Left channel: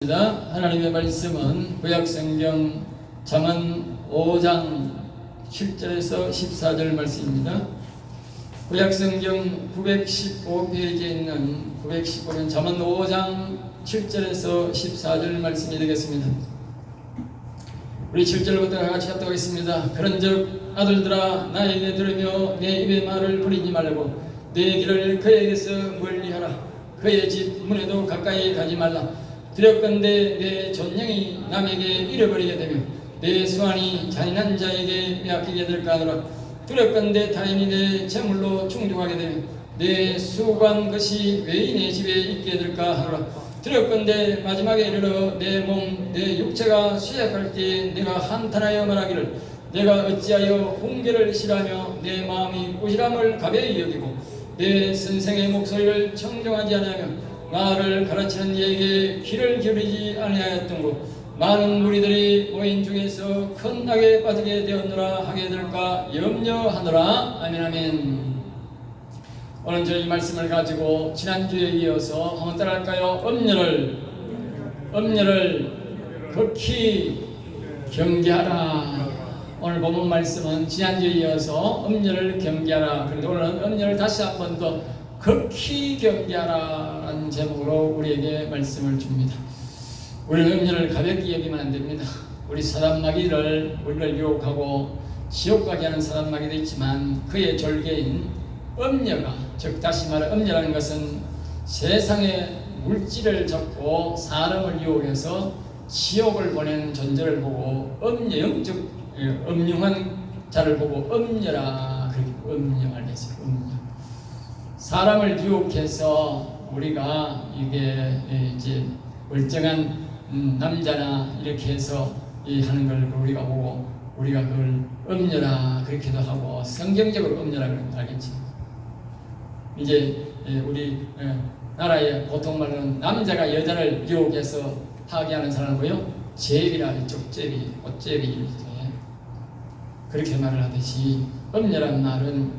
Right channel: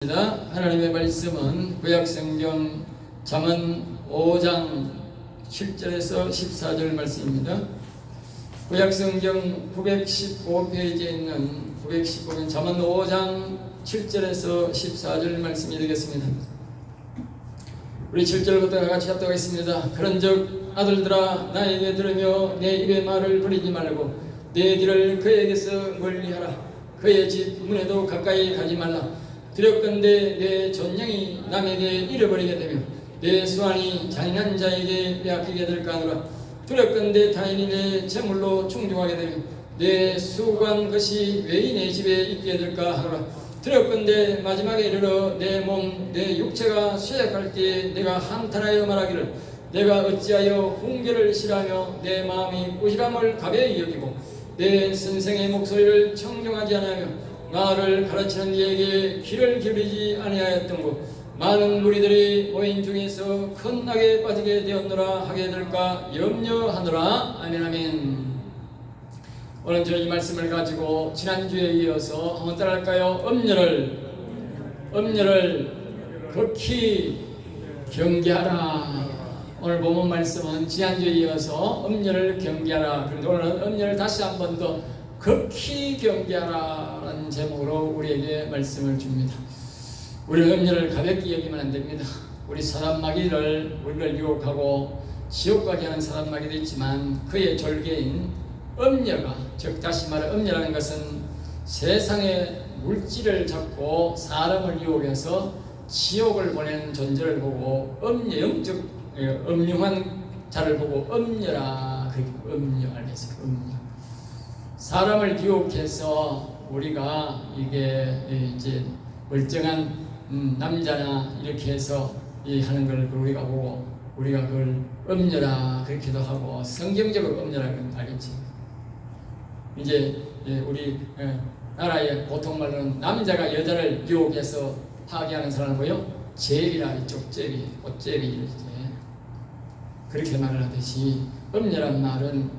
하나님의 말씀은 구약성경 잠언 5장 7절에서 14절 말씀입니다. 구약성경 915페이지에 있는 915는 잠언 5장 7절에서 14절 말씀이 되겠습니다. 우리 7절부터 같이 합독 하겠습니다. 그런즉 아들들아 나에게 들으며 내 입의 말을 부리지 말고 내 길을 그에게서 멀리하라. 그의 집 문에도 가까이 가지 말라. 두렵건대 내 존령이 남에게 잃어버리게 되며 내 수완이 잔인한 자에게 빼앗기게 될까 하노라. 두렵건대 타인이 내 재물로 충족하게 되며 내 수고한 것이 외인의 집에 있게 될까 하노라. 두렵건대 마지막에 이르러 내 몸, 내 육체가 쇠약할 때 내가 한탄하여 말하기를 내가 어찌하여 훈계를 싫어하며 내 마음이 꾸지람을 가벼이 여기고 내 선생의 목소리를 청정하지 않으며 나를 가르치는 이에게 귀를 기울이지 아니하였던고 많은 무리들이 모인 중에서 큰 악에 빠지게 되었노라 하게 될까 염려하노라. 아멘 아멘. 오늘 저 이 말씀을 가지고 지난주에 이어서 한번 따라할까요? 엄녀를 극히 경계하라. 오늘 본문 말씀은 지난주에 이어서 엄녀를 경계하라. 그런데 오늘은 엄녀를 다시 한 번 더 극히 경계하라는 제목으로 우리에게 말씀을 줍니다. 우리는 엄녀를 가볍게 여기면 안 됩니다. 우리 사단마귀를 우리를 유혹하고 지옥 가게 하는 사단마귀도 있지만 그의 졸개인 엄녀가, 즉 다시 말해 엄녀라는 것은 세상의 물질을 잡고 사람을 유혹해서 지옥을 보내는 존재를 보고 엄녀, 영적 음흉한 자를 보고 엄녀라 그렇게 엄녀를 했어요. 엄녀. 사람을 유혹해서 우리가 이게 이제 멀쩡한 남자나 이렇게 해서 하는 걸 우리가 보고 우리가 그걸 엄녀라 그렇게도 하고 성경적으로 엄녀라고 알겠지. 이제 우리 나라의 보통 말로는 남자가 여자를 유혹해서 하게 하는 사람이고요. 제비라 이쪽 제비, 꽃제비 그렇게 말을 하듯이 엄녀란 말은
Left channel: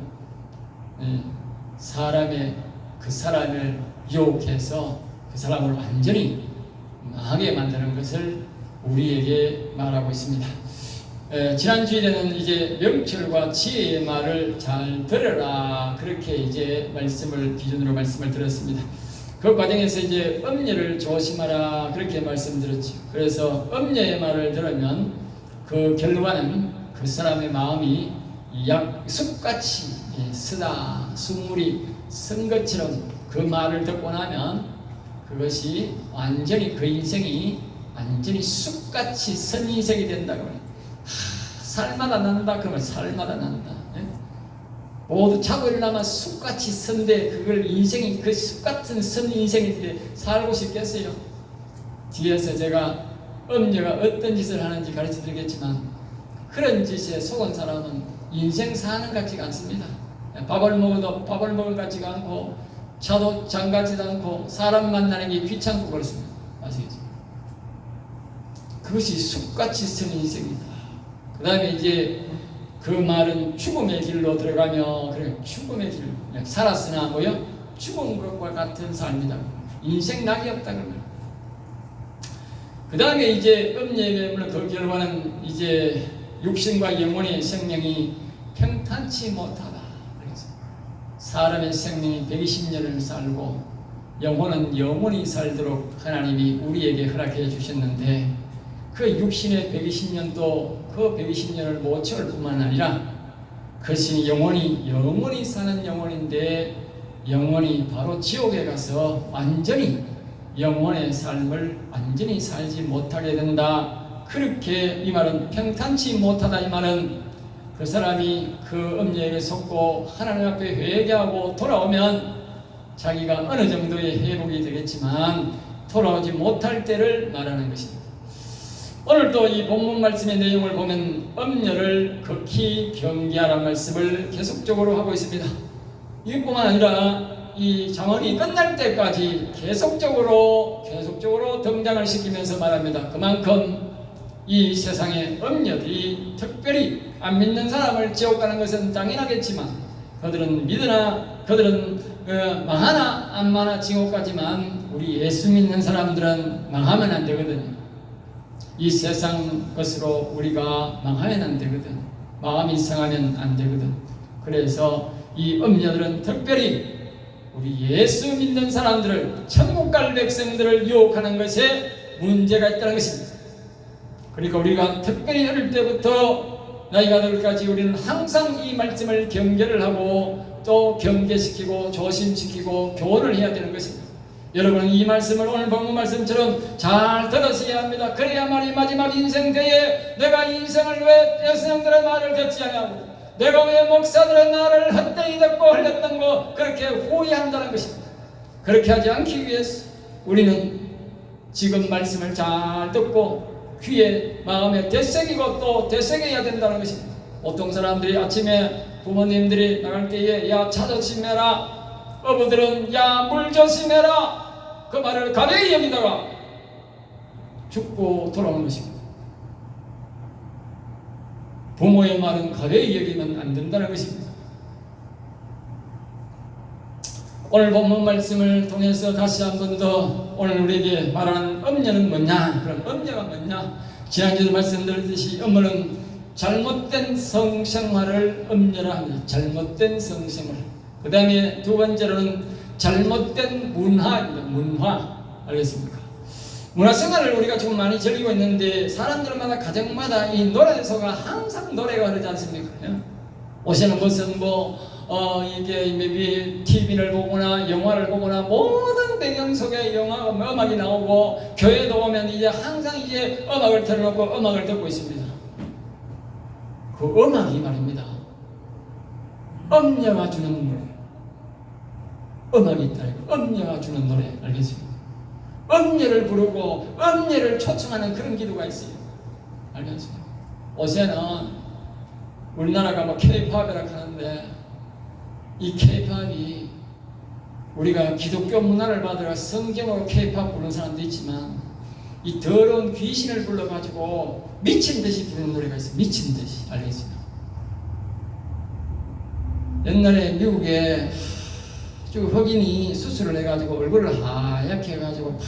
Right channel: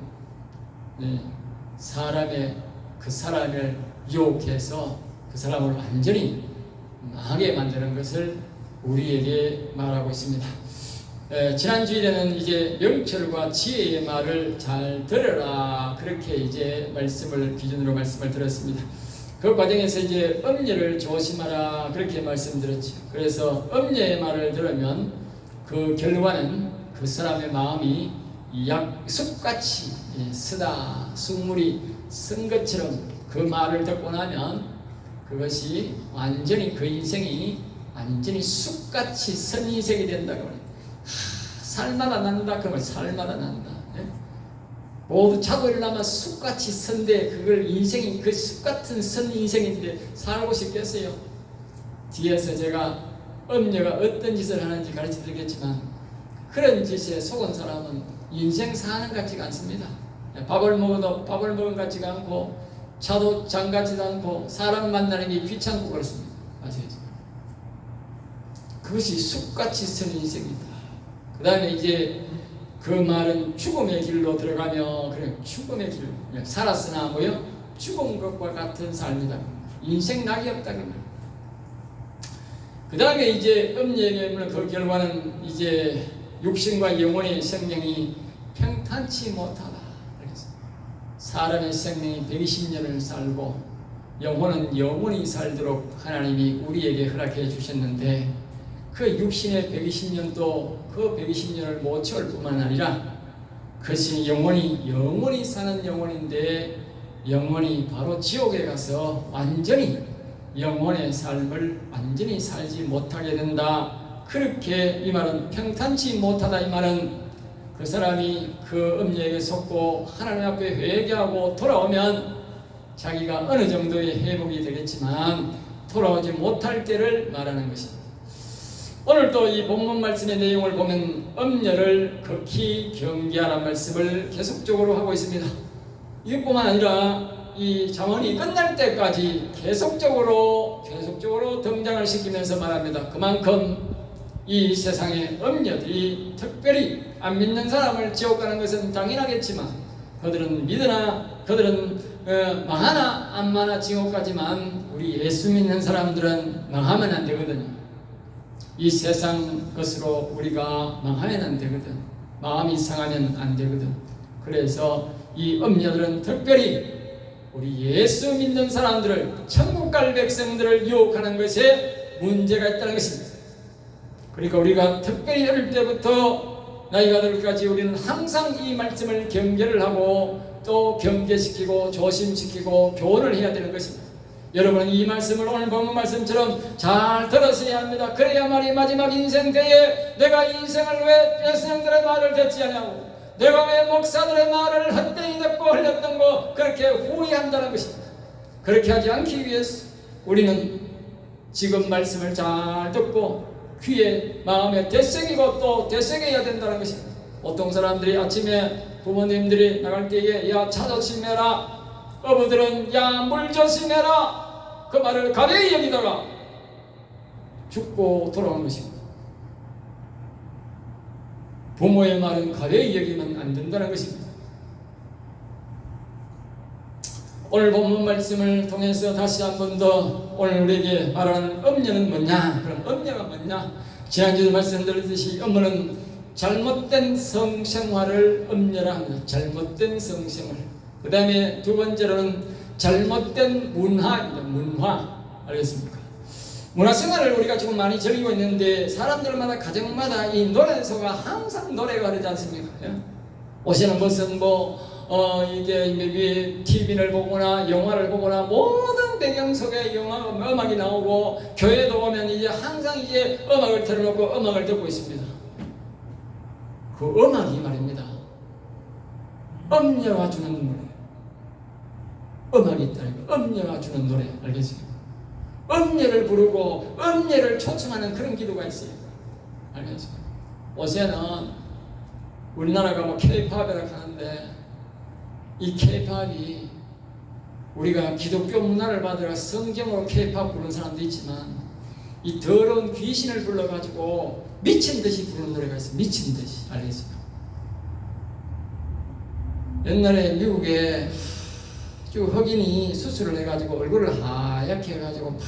그 사람을 유혹해서 그 사람을 완전히 망하게 만드는 것을 우리에게 말하고 있습니다. 지난주에는 이제 명철과 지혜의 말을 잘 들으라 그렇게 이제 기준으로 말씀을 들었습니다. 그 과정에서 이제 엄녀를 조심하라 그렇게 말씀드렸죠. 그래서 엄녀의 말을 들으면 그 결과는 그 사람의 마음이 약 숲같이 쓰다 숲물이 쓴 것처럼 그 말을 듣고 나면 그것이 완전히 그 인생이 완전히 숲같이 선 인생이 된다고 해요. 살마다 난다 그러면 살마다 난다. 모두 차돌나마 숲같이 선데 그걸 인생이 그 숲같은 선 인생인데 살고 싶겠어요? 뒤에서 제가 엄녀가 어떤 짓을 하는지 가르쳐 드리겠지만 그런 짓에 속은 사람은 인생 사는 것 같지가 않습니다. 밥을 먹어도 밥을 먹은 것 같지가 않고 차도 장 같지도 않고 사람 만나는 게 귀찮고 그렇습니다. 아시겠죠? 그것이 숲같이 선 인생이다. 그 다음에 이제 그 말은 죽음의 길로 들어가며 그래 죽음의 길 살았으나 뭐요? 죽은 것과 같은 삶이다. 인생 낙이 없다 그러면. 그 다음에 이제 엄녀의 매물은 그 결과는 이제 육신과 영혼의 생명이 평탄치 못하다. 그래서 사람의 생명이 120년을 살고 영혼은 영원히 살도록 하나님이 우리에게 허락해 주셨는데 그 육신의 120년도 그 120년을 못 채울 뿐만 아니라 그것이 영원히 사는 영혼인데 영원히 바로 지옥에 가서 완전히 영혼의 삶을 완전히 살지 못하게 된다. 그렇게 이 말은 평탄치 못하다. 이 말은 그 사람이 그 엄녀에게 속고 하나님 앞에 회개하고 돌아오면 자기가 어느 정도의 회복이 되겠지만 돌아오지 못할 때를 말하는 것입니다. 오늘 또 이 본문 말씀의 내용을 보면 엄녀를 극히 경계하라는 말씀을 계속적으로 하고 있습니다. 이것뿐만 아니라 이 잠언이 끝날 때까지 계속적으로 등장을 시키면서 말합니다. 그만큼 이 세상의 엄녀들이 특별히 안 믿는 사람을 지옥 가는 것은 당연하겠지만 그들은 믿으나 그들은 망하나 안 망하나 지옥 가지만 우리 예수 믿는 사람들은 망하면 안 되거든요. 이 세상 것으로 우리가 망하면 안 되거든. 마음이 상하면 안 되거든. 그래서 이 음녀들은 특별히 우리 예수 믿는 사람들을, 천국 갈 백성들을 유혹하는 것에 문제가 있다는 것입니다. 그러니까 우리가 특별히 어릴 때부터 나이가 들까지 우리는 항상 이 말씀을 경계를 하고 또 경계시키고 조심시키고 교훈을 해야 되는 것입니다. 여러분은 이 말씀을 오늘 본 말씀처럼 잘 들으셔야 합니다. 그래야만이 마지막 인생 때에 내가 인생을 왜 여성들의 말을 듣지 않냐고, 내가 왜 목사들의 말을 헛되이 듣고 흘렸던 거 그렇게 후회한다는 것입니다. 그렇게 하지 않기 위해서 우리는 지금 말씀을 잘 듣고 귀에 마음에 되새기고 또 되새겨야 된다는 것입니다. 어떤 사람들이 아침에 부모님들이 나갈 때에 야 차 조심해라, 어부들은 야 물 조심해라, 그 말을 가벼이 여기다가 죽고 돌아오는 것입니다. 부모의 말은 가벼이 여기면 안 된다는 것입니다. 오늘 본문 말씀을 통해서 다시 한 번 더 오늘 우리에게 말하는 음녀는 뭐냐? 그럼 음녀가 뭐냐? 지난주에 말씀드렸듯이 음녀는 잘못된 성생활을 음녀라 합니다. 잘못된 성생활. 그 다음에 두 번째로는 잘못된 문화입니다. 문화. 알겠습니까? 문화생활을 우리가 지금 많이 즐기고 있는데 사람들마다 가정마다 이 노래소가 항상 노래가 흐르지 않습니까? 옷에는 무슨 이게 TV를 보거나 영화를 보거나 모든 배경 속에 영화가 음악이 나오고 교회도 오면 이제 항상 이제 음악을 틀어놓고 음악을 듣고 있습니다. 그 음악이 말입니다. 음녀가 주는 노래. 음악이 있다니까. 음녀가 주는 노래. 알겠습니까? 음녀를 부르고 음녀를 초청하는 그런 기도가 있어요. 알겠습니까? 요새는 우리나라가 뭐 K-팝이라고 하는데 이 K-팝이 우리가 기독교 문화를 받으러 성경으로 K-팝 부르는 사람도 있지만 이 더러운 귀신을 불러가지고 미친 듯이 부르는 노래가 있어요. 미친 듯이. 알겠습니까? 옛날에 미국에 쭉 흑인이 수술을 해가지고 얼굴을 하얗게 해가지고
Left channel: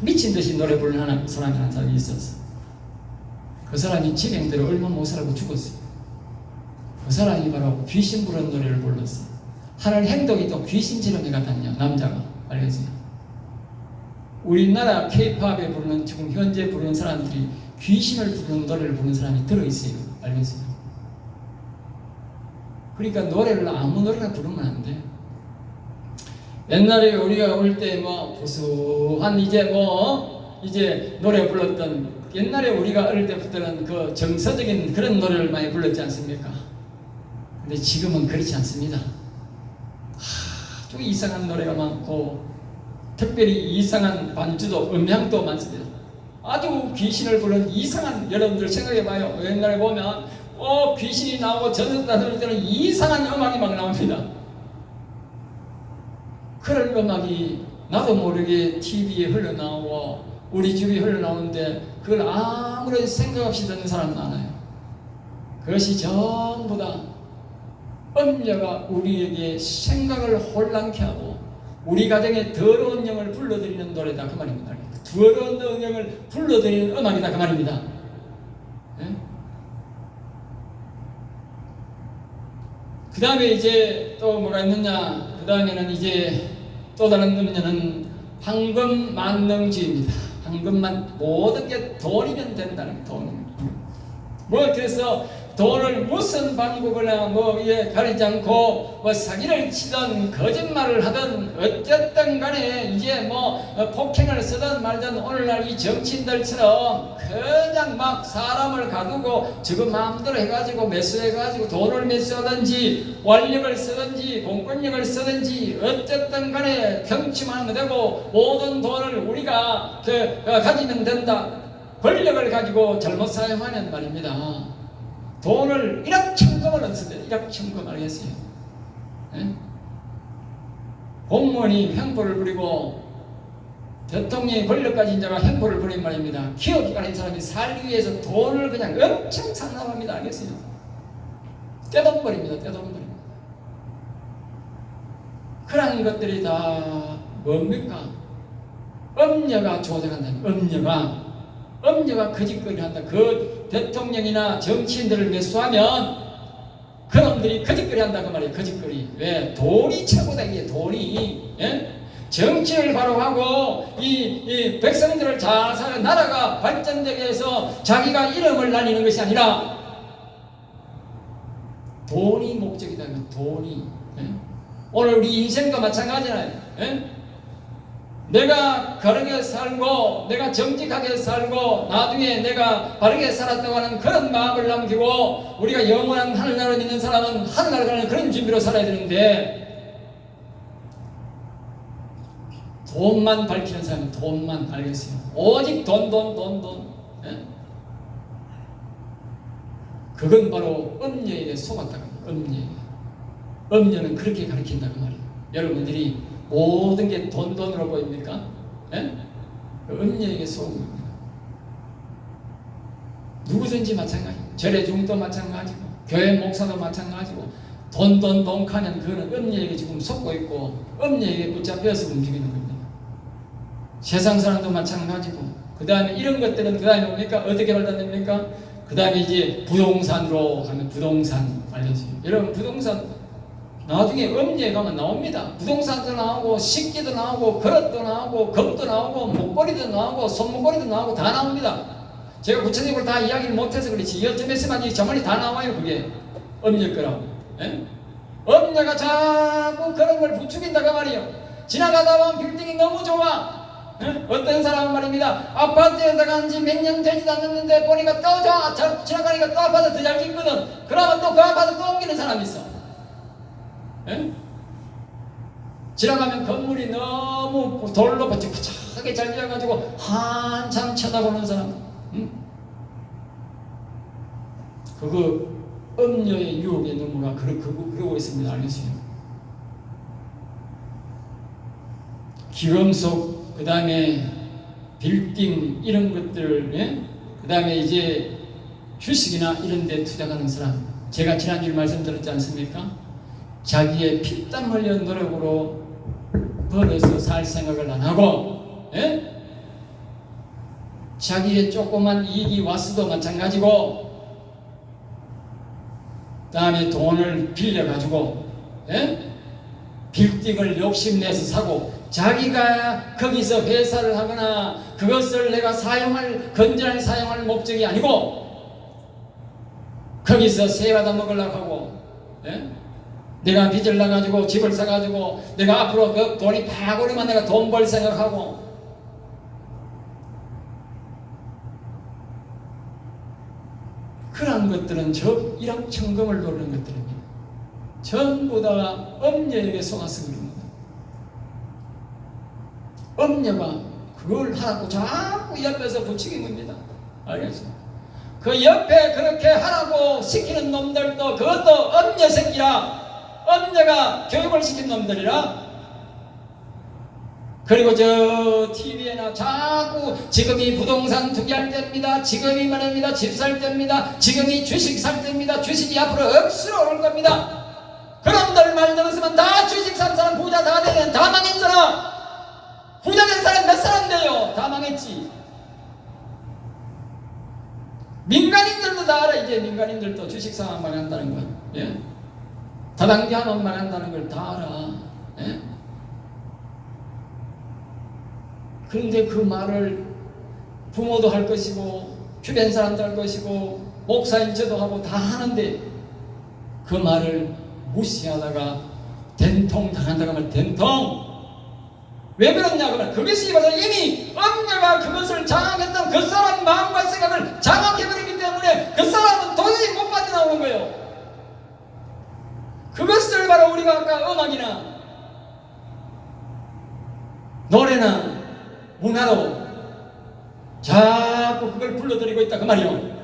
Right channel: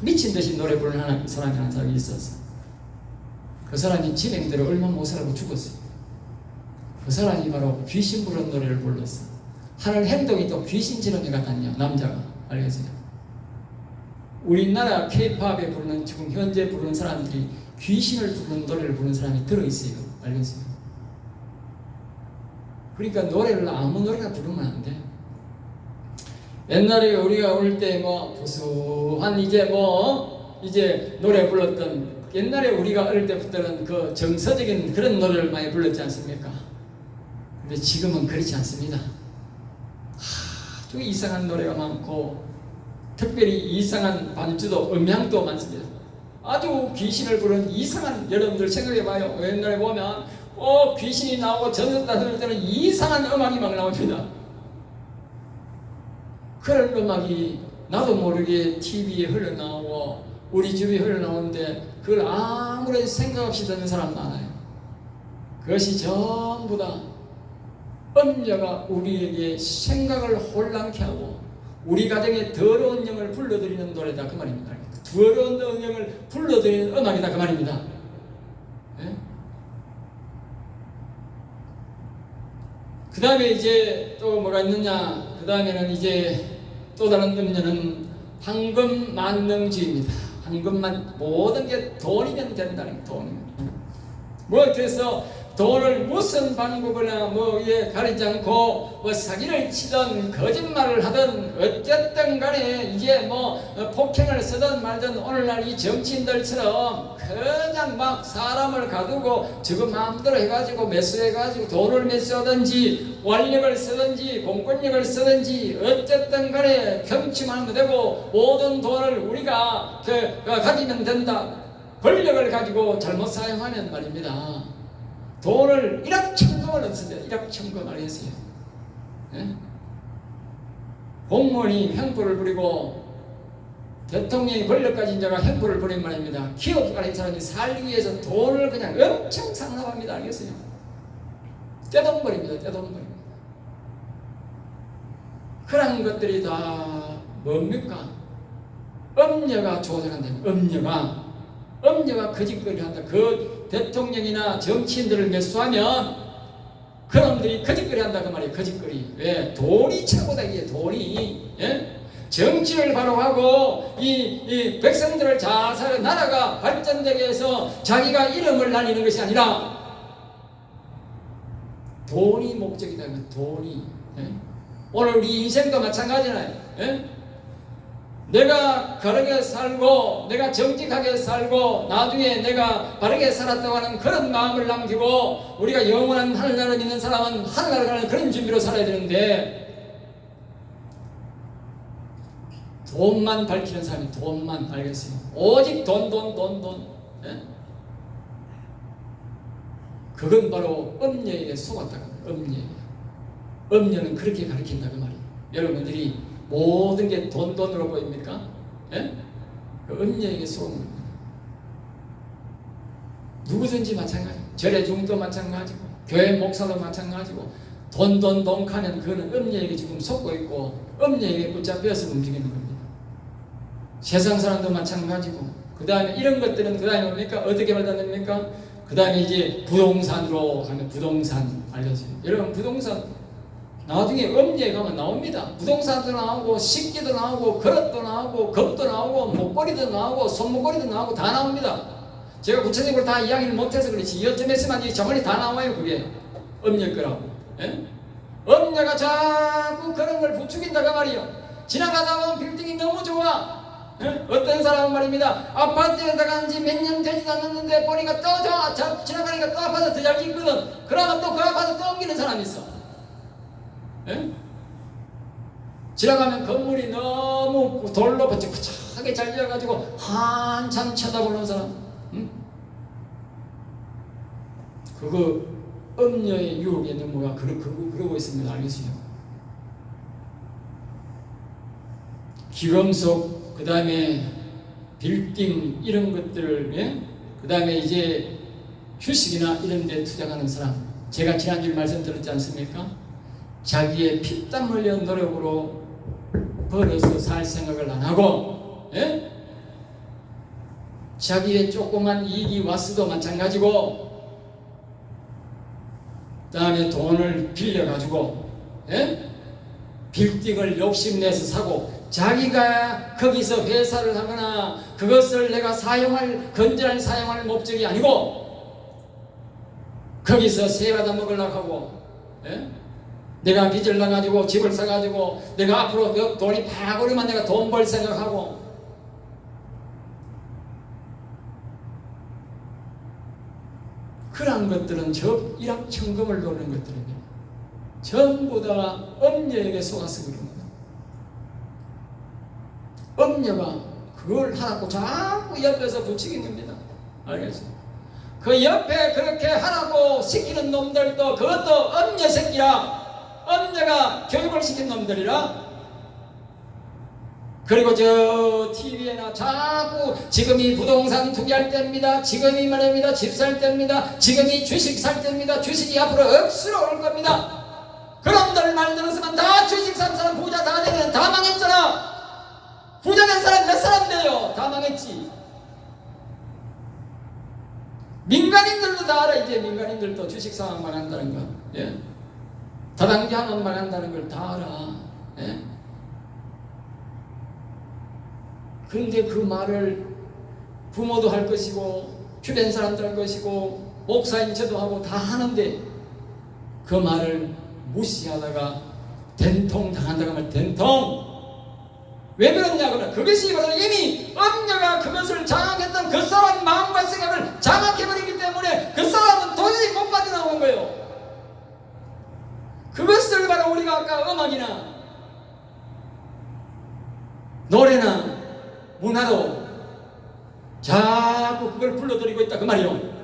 미친 듯이 노래 부르는 사람이 한 사람이 있었어. 그 사람이 진행대로 얼마 못 살고 죽었어요. 그 사람이 바로 귀신 부르는 노래를 불렀어요. 하는 행동이 또 귀신처럼 같았냐, 남자가. 알겠어요? 우리나라 K-팝에 부르는, 지금 현재 부르는 사람들이 귀신을 부르는 노래를 부르는 사람이 들어있어요. 알겠어요? 그러니까 노래를 아무 노래나 부르면 안 돼. 옛날에 우리가 어릴 때 구수한 이제 노래 불렀던, 옛날에 우리가 어릴 때부터는 그 정서적인 그런 노래를 많이 불렀지 않습니까? 근데 지금은 그렇지 않습니다. 아주 이상한 노래가 많고 특별히 이상한 반주도 음향도 많습니다. 아주 귀신을 부르는 이상한, 여러분들 생각해봐요. 옛날에 보면 귀신이 나오고 전설다 들을 때는 이상한 음악이 막 나옵니다. 그런 음악이 나도 모르게 TV에 흘러나오고 우리 집에 흘러나오는데 그걸 아무런 생각 없이 듣는 사람 많아요. 그것이 전부 다 음녀가 우리에게 생각을 혼란케 하고 우리 가정에 더러운 영을 불러들이는 노래다 그 말입니다. 더러운 영을 불러들이는 음악이다 그 말입니다. 네? 그 다음에 이제 또 뭐가 있느냐? 그 다음에는 이제 또 다른 음녀는 황금 만능주의입니다. 황금만, 모든 게 돈이면 된다는 돈입니다. 그래서 돈을 무슨 방법이나 가리지 않고 사기를 치든 거짓말을 하든 어쨌든 간에 이제 폭행을 쓰든 말든 오늘날 이 정치인들처럼 그냥 막 사람을 가두고 지금 마음대로 해가지고 매수해가지고 돈을 매수하든지 권력을 쓰든지 공권력을 쓰든지 어쨌든 간에 경치만 하면 되고 모든 돈을 우리가 가지면 된다. 권력을 가지고 잘못 사용하는 말입니다. 돈을 1억 천금을 얻습니다. 1억 천금 알겠어요? 예? 공무원이 횡포를 부리고 대통령이 권력까지 인자가 횡포를 부린 말입니다. 기업이 가진 사람이 살기 위해서 돈을 그냥 엄청 상납합니다. 알겠어요? 떼돈벌입니다. 떼돈벌. 그런 것들이 다 뭡니까? 엄녀가 조작한다. 엄녀가 거짓거리 한다. 그 대통령이나 정치인들을 매수하면 그놈들이 거짓거리 한다 그 말이에요. 거짓거리. 왜? 돈이 최고다 이게 돈이. 예? 정치를 바로 하고 이 백성들을 잘 살아 나라가 발전되게 해서 자기가 이름을 날리는 것이 아니라 돈이 목적이다. 돈이. 예? 오늘 우리 인생도 마찬가지잖아요. 예? 내가 바르게 살고 내가 정직하게 살고 나중에 내가 바르게 살았다고 하는 그런 마음을 남기고 우리가 영원한 하늘나라에 있는 사람은 하늘나라에 가는 그런 준비로 살아야 되는데 돈만 밝히는 사람은 돈만 밝혔어요. 오직 돈. 예? 그건 바로 엄녀에게 속았다고 합니다. 엄녀는 그렇게 가르친다고 말이에요. 여러분들이 모든 게 돈으로 보입니까? 예? 그 엄녀에게 속은 겁니다. 누구든지 마찬가지. 절의 중도 마찬가지고 교회 목사도 마찬가지고 돈 하는 그는 엄녀에게 지금 속고 있고 엄녀에게 붙잡혀서 움직이는 겁니다. 세상 사람도 마찬가지고 그 다음에 이런 것들은 그 다음에 뭡니까? 어떻게 발달됩니까? 그 다음에 이제 부동산으로 가면 부동산 알려져요. 여러분 부동산 나중에 엄지에 가면 나옵니다. 부동산도 나오고 식기도 나오고 그릇도 나오고 겁도 나오고 목걸이도 나오고 손목걸이도 나오고 다 나옵니다. 제가 구체적으로 다 이야기를 못해서 그렇지 여점에서만 저번에 다 나와요. 그게 엄녀 거라고. 예? 엄녀가 자꾸 그런 걸 부추긴다고 말이에요. 지나가다 보면 빌딩이 너무 좋아. 어떤 사람은 말입니다. 아파트에 들어간 지 몇 년 되지도 않았는데 보니까 또 지나가니까 또 아파트 더 잘 짓거든. 그러면 또 그 아파트 또 옮기는 사람이 있어. 예? 지나가면 건물이 너무 돌로 번쩍번쩍하게 잘 지어가지고 한참 쳐다보는 사람. 그거 엄녀의 유혹에 넘어가 그러고 있습니다. 알겠어요? 기금속 그 다음에 빌딩 이런 것들을 예? 그 다음에 이제 주식이나 이런 데 투자하는 사람 제가 지난주에 말씀드렸지 않습니까? 자기의 피땀 흘려 노력으로 벌어서 살 생각을 안 하고 예? 자기의 조그만 이익이 왔어도 마찬가지고 그 다음에 돈을 빌려가지고 예? 빌딩을 욕심내서 사고 자기가 거기서 회사를 하거나 그것을 내가 건전하게 사용할 목적이 아니고 거기서 세 받아 먹으려고 하고 예? 내가 빚을 나가지고 집을 사가지고 내가 앞으로 그 돈이 팍 오르면 내가 돈 벌 생각하고 그러한 것들은 일확천금을 노리는 것들은요 전부 다 엄녀에게 속아서 그럽니다. 엄녀가 그걸 하라고 자꾸 옆에서 부추긴 겁니다. 알겠어요? 그 옆에 그렇게 하라고 시키는 놈들도 그것도 엄녀 새끼라. 엄녀가 교육을 시킨 놈들이라. 그리고 저 TV에나 자꾸 지금이 부동산 투기할 때입니다. 지금이 말입니다. 집 살 때입니다. 지금이 주식 살 때입니다. 주식이 앞으로 억수로 오를 겁니다. 그놈들 말 들었으면 다 주식 산 사람 부자 다 되는 다 망했잖아. 부자 된 사람 몇 사람 돼요? 다 망했지. 민간인들도 다 알아. 이제 민간인들도 주식 사면 망한다는 거. 예? 다단계하면 망한다는 걸 다 알아. 예? 그런데 그 말을 부모도 할 것이고 주변 사람도 할 것이고 목사인 저도 하고 다 하는데 그 말을 무시하다가 된통 당한다고 하면 된통. 왜 그러냐고 하면 그것이 바로 이미 엄녀가 그것을 장악했던 그 사람 마음과 생각을 장악해버리기 때문에 그 사람은 도저히 못 빠져나오는 거예요. 그것을 바로 우리가 아까 음악이나 노래나 문화로 자꾸 그걸 불러들이고 있다 그 말이요.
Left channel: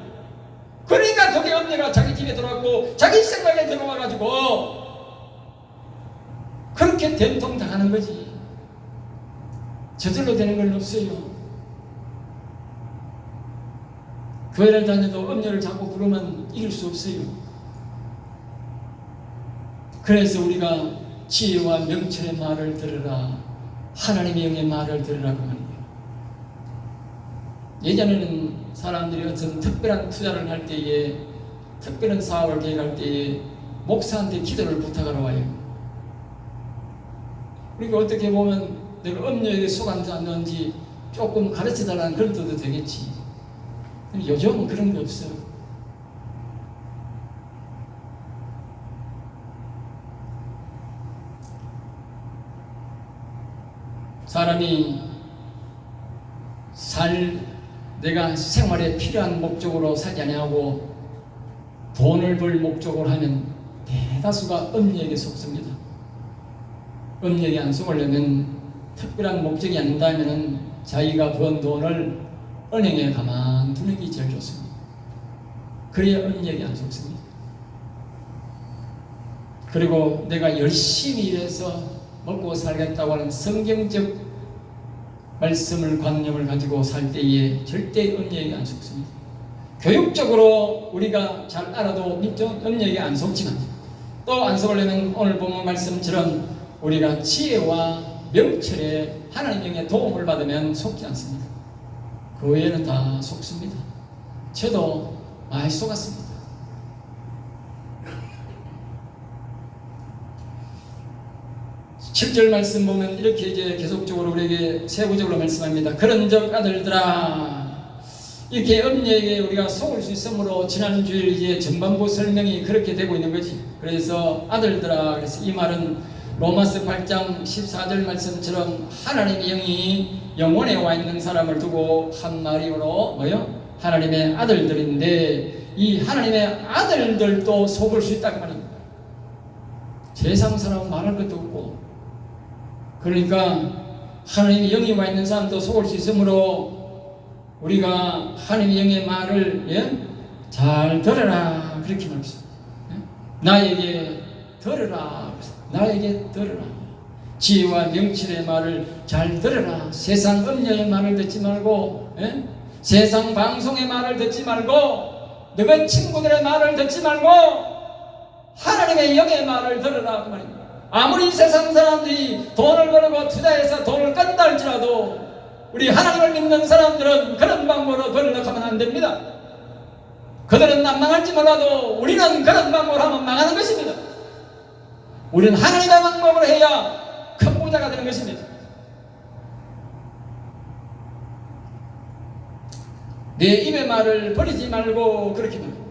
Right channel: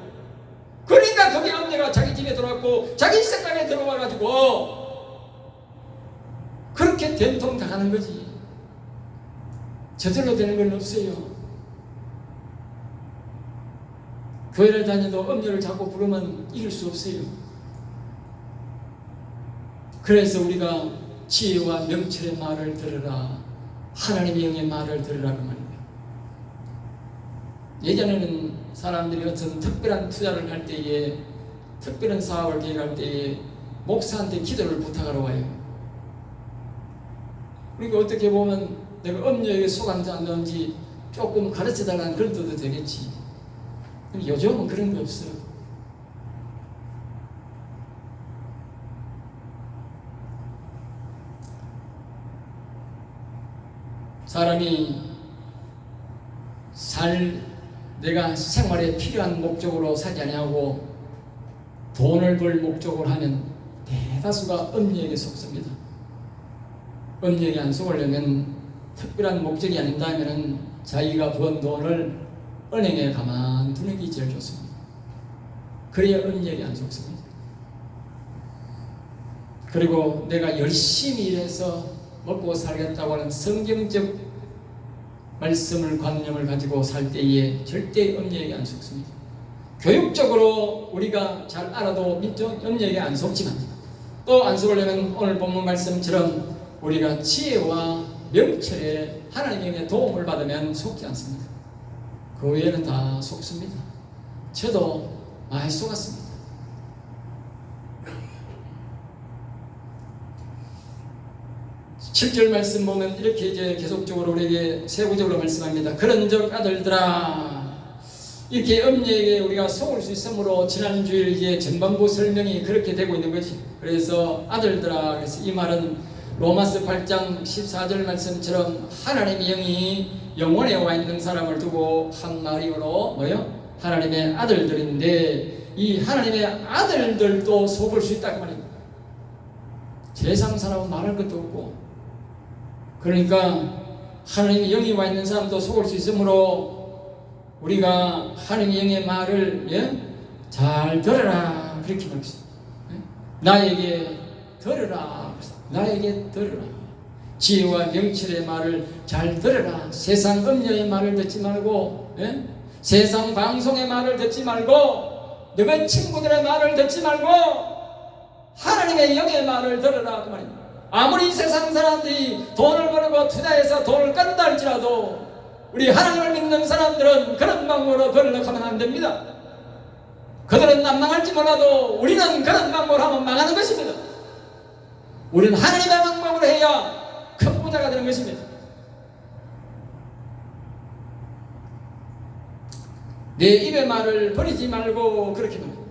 그러니까 거기 엄녀가 자기 집에 들어왔고 자기 생각에 들어와가지고 그렇게 된통 당하는 거지. 저절로 되는 건 없어요. 교회를 다녀도 엄녀를 자꾸 부르면 이길 수 없어요. 그래서 우리가 지혜와 명철의 말을 들으라, 하나님의 영의 말을 들으라고 하는 거예요. 예전에는 사람들이 어떤 특별한 투자를 할 때에, 특별한 사업을 계획할 때에 목사한테 기도를 부탁하러 와요. 그러니까 어떻게 보면 내가 음녀에게 속았는지 안 되는지 조금 가르쳐달라는 그런 뜻도 되겠지. 근데 요즘은 그런 게 없어요. 사람이 내가 생활에 필요한 목적으로 살지 아니하고 돈을 벌 목적으로 하면 대다수가 음녀에게 속습니다. 음녀에게 안 속으려면 특별한 목적이 아닌다면 자기가 번 돈을 은행에 가만 두는 게 제일 좋습니다. 그래야 음녀에게 안 속습니다. 그리고 내가 열심히 일해서 먹고 살겠다고 하는 성경적 말씀을 관념을 가지고 살 때에 절대 음녀에게 안 속습니다. 교육적으로 우리가 잘 알아도 음녀에게 안 속지만 또 안 속으려면 오늘 본문 말씀처럼 우리가 지혜와 명철에 하나님의 도움을 받으면 속지 않습니다. 그 외에는 다 속습니다. 저도 많이 속았습니다. (7절) 말씀 보면 이렇게 이제 계속적으로 우리에게 세부적으로 말씀합니다. 그런즉 아들들아, 이렇게 음녀에게 우리가 속을 수 있으므로 지난주에 이제 전반부 설명이 그렇게 되고 있는 거지. 그래서 아들들아, 그래서 이 말은 로마서 8장 14절 말씀처럼 하나님의 영이 영혼에 와 있는 사람을 두고 한 말이므로 뭐요? 하나님의 아들들인데 이 하나님의 아들들도 속을 수 있다고 말입니다. 세상 사람은 말할 것도 없고, 그러니까 하나님의 영이 와 있는 사람도 속을 수 있으므로 우리가 하나님의 영의 말을 잘 들으라 그렇게 말했습니다. 나에게 들으라, 나에게 들으라. 지혜와 명철의 말을 잘 들으라. 세상 음녀의 말을 듣지 말고, 세상 방송의 말을 듣지 말고, 너희 친구들의 말을 듣지 말고 하나님의 영의 말을 들으라 그 말입니다. 아무리 세상 사람들이 돈을 벌고 투자해서 돈을 깐다 할지라도 우리 하나님을 믿는 사람들은 그런 방법으로 벌려고 하면 안 됩니다. 그들은 난망할지 몰라도 우리는 그런 방법으로 하면 망하는 것입니다. 우리는 하나님의 방법으로 해야 큰 부자가 되는 것입니다. 내 입의 말을 버리지 말고 그렇게 말합니다.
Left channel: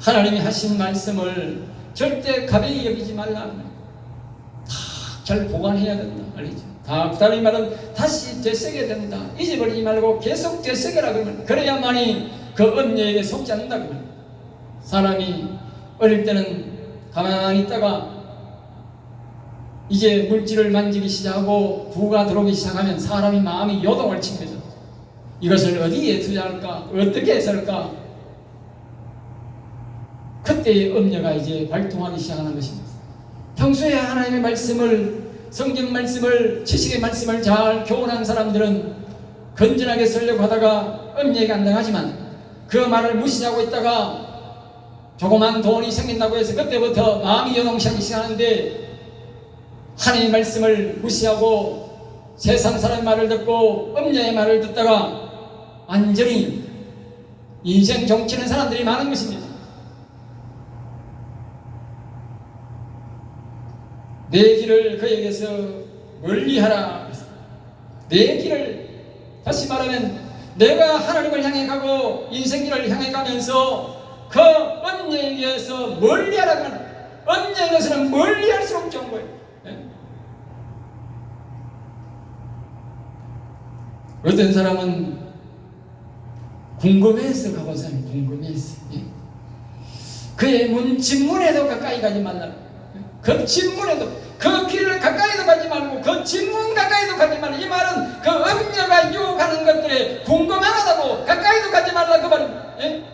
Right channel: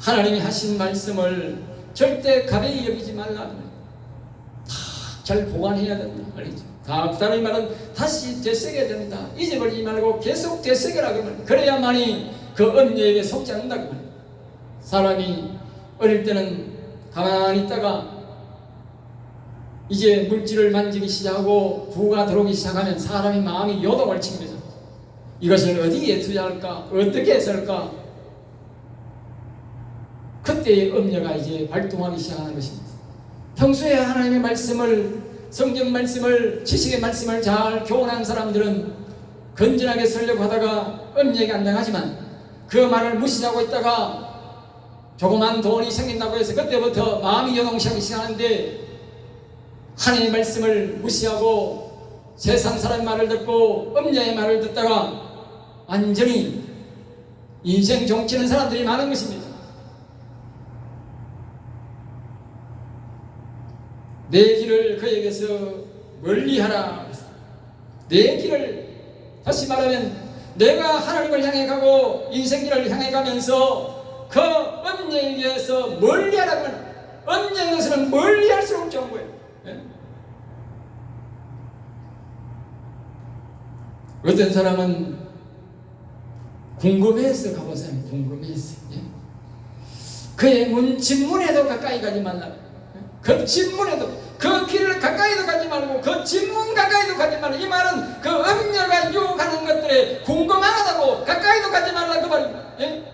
하나님이 하신 말씀을 절대 가벼이 여기지 말라. 다 잘 보관해야 된다. 알겠죠? 다 다른 말은 다시 되새겨야 된다. 잊어버리지 말고 계속 되새겨라. 그래야만이 그 음녀에게 속지 않는다고. 사람이 어릴 때는 가만히 있다가 이제 물질을 만지기 시작하고 부가 들어오기 시작하면 사람이 마음이 요동을 칩니다. 이것을 어디에 투자할까? 어떻게 쓸까? 그때의 음녀가 이제 발동하기 시작하는 것입니다. 평소에 하나님의 말씀을, 성경 말씀을, 지식의 말씀을 잘 교훈한 사람들은 건전하게 쓰려고 하다가 음녀에게 안 당하지만 그 말을 무시하고 있다가 조그만 돈이 생긴다고 해서 그때부터 마음이 요동하기 시작하는데, 하나님의 말씀을 무시하고 세상 사람 말을 듣고 음녀의 말을 듣다가 완전히 인생 정치는 사람들이 많은 것입니다. 내 길을 그에게서 멀리하라. 내 길을, 다시 말하면 내가 하나님을 향해 가고 인생길을 향해 가면서 그 음녀에게서 멀리하라. 음녀에게서는 멀리할수록 좋은 거예요. 어떤 사람은 궁금해서 가보세요. 궁금해서. 그의 집문에도 가까이 가지 말라. 그 집문에도, 그 길을 가까이도 가지 말고 그 집문 가까이도 가지 말라. 이 말은 그 음녀가 유혹하는 것들에 궁금하다고 가까이도 가지 말라 그 말입니다.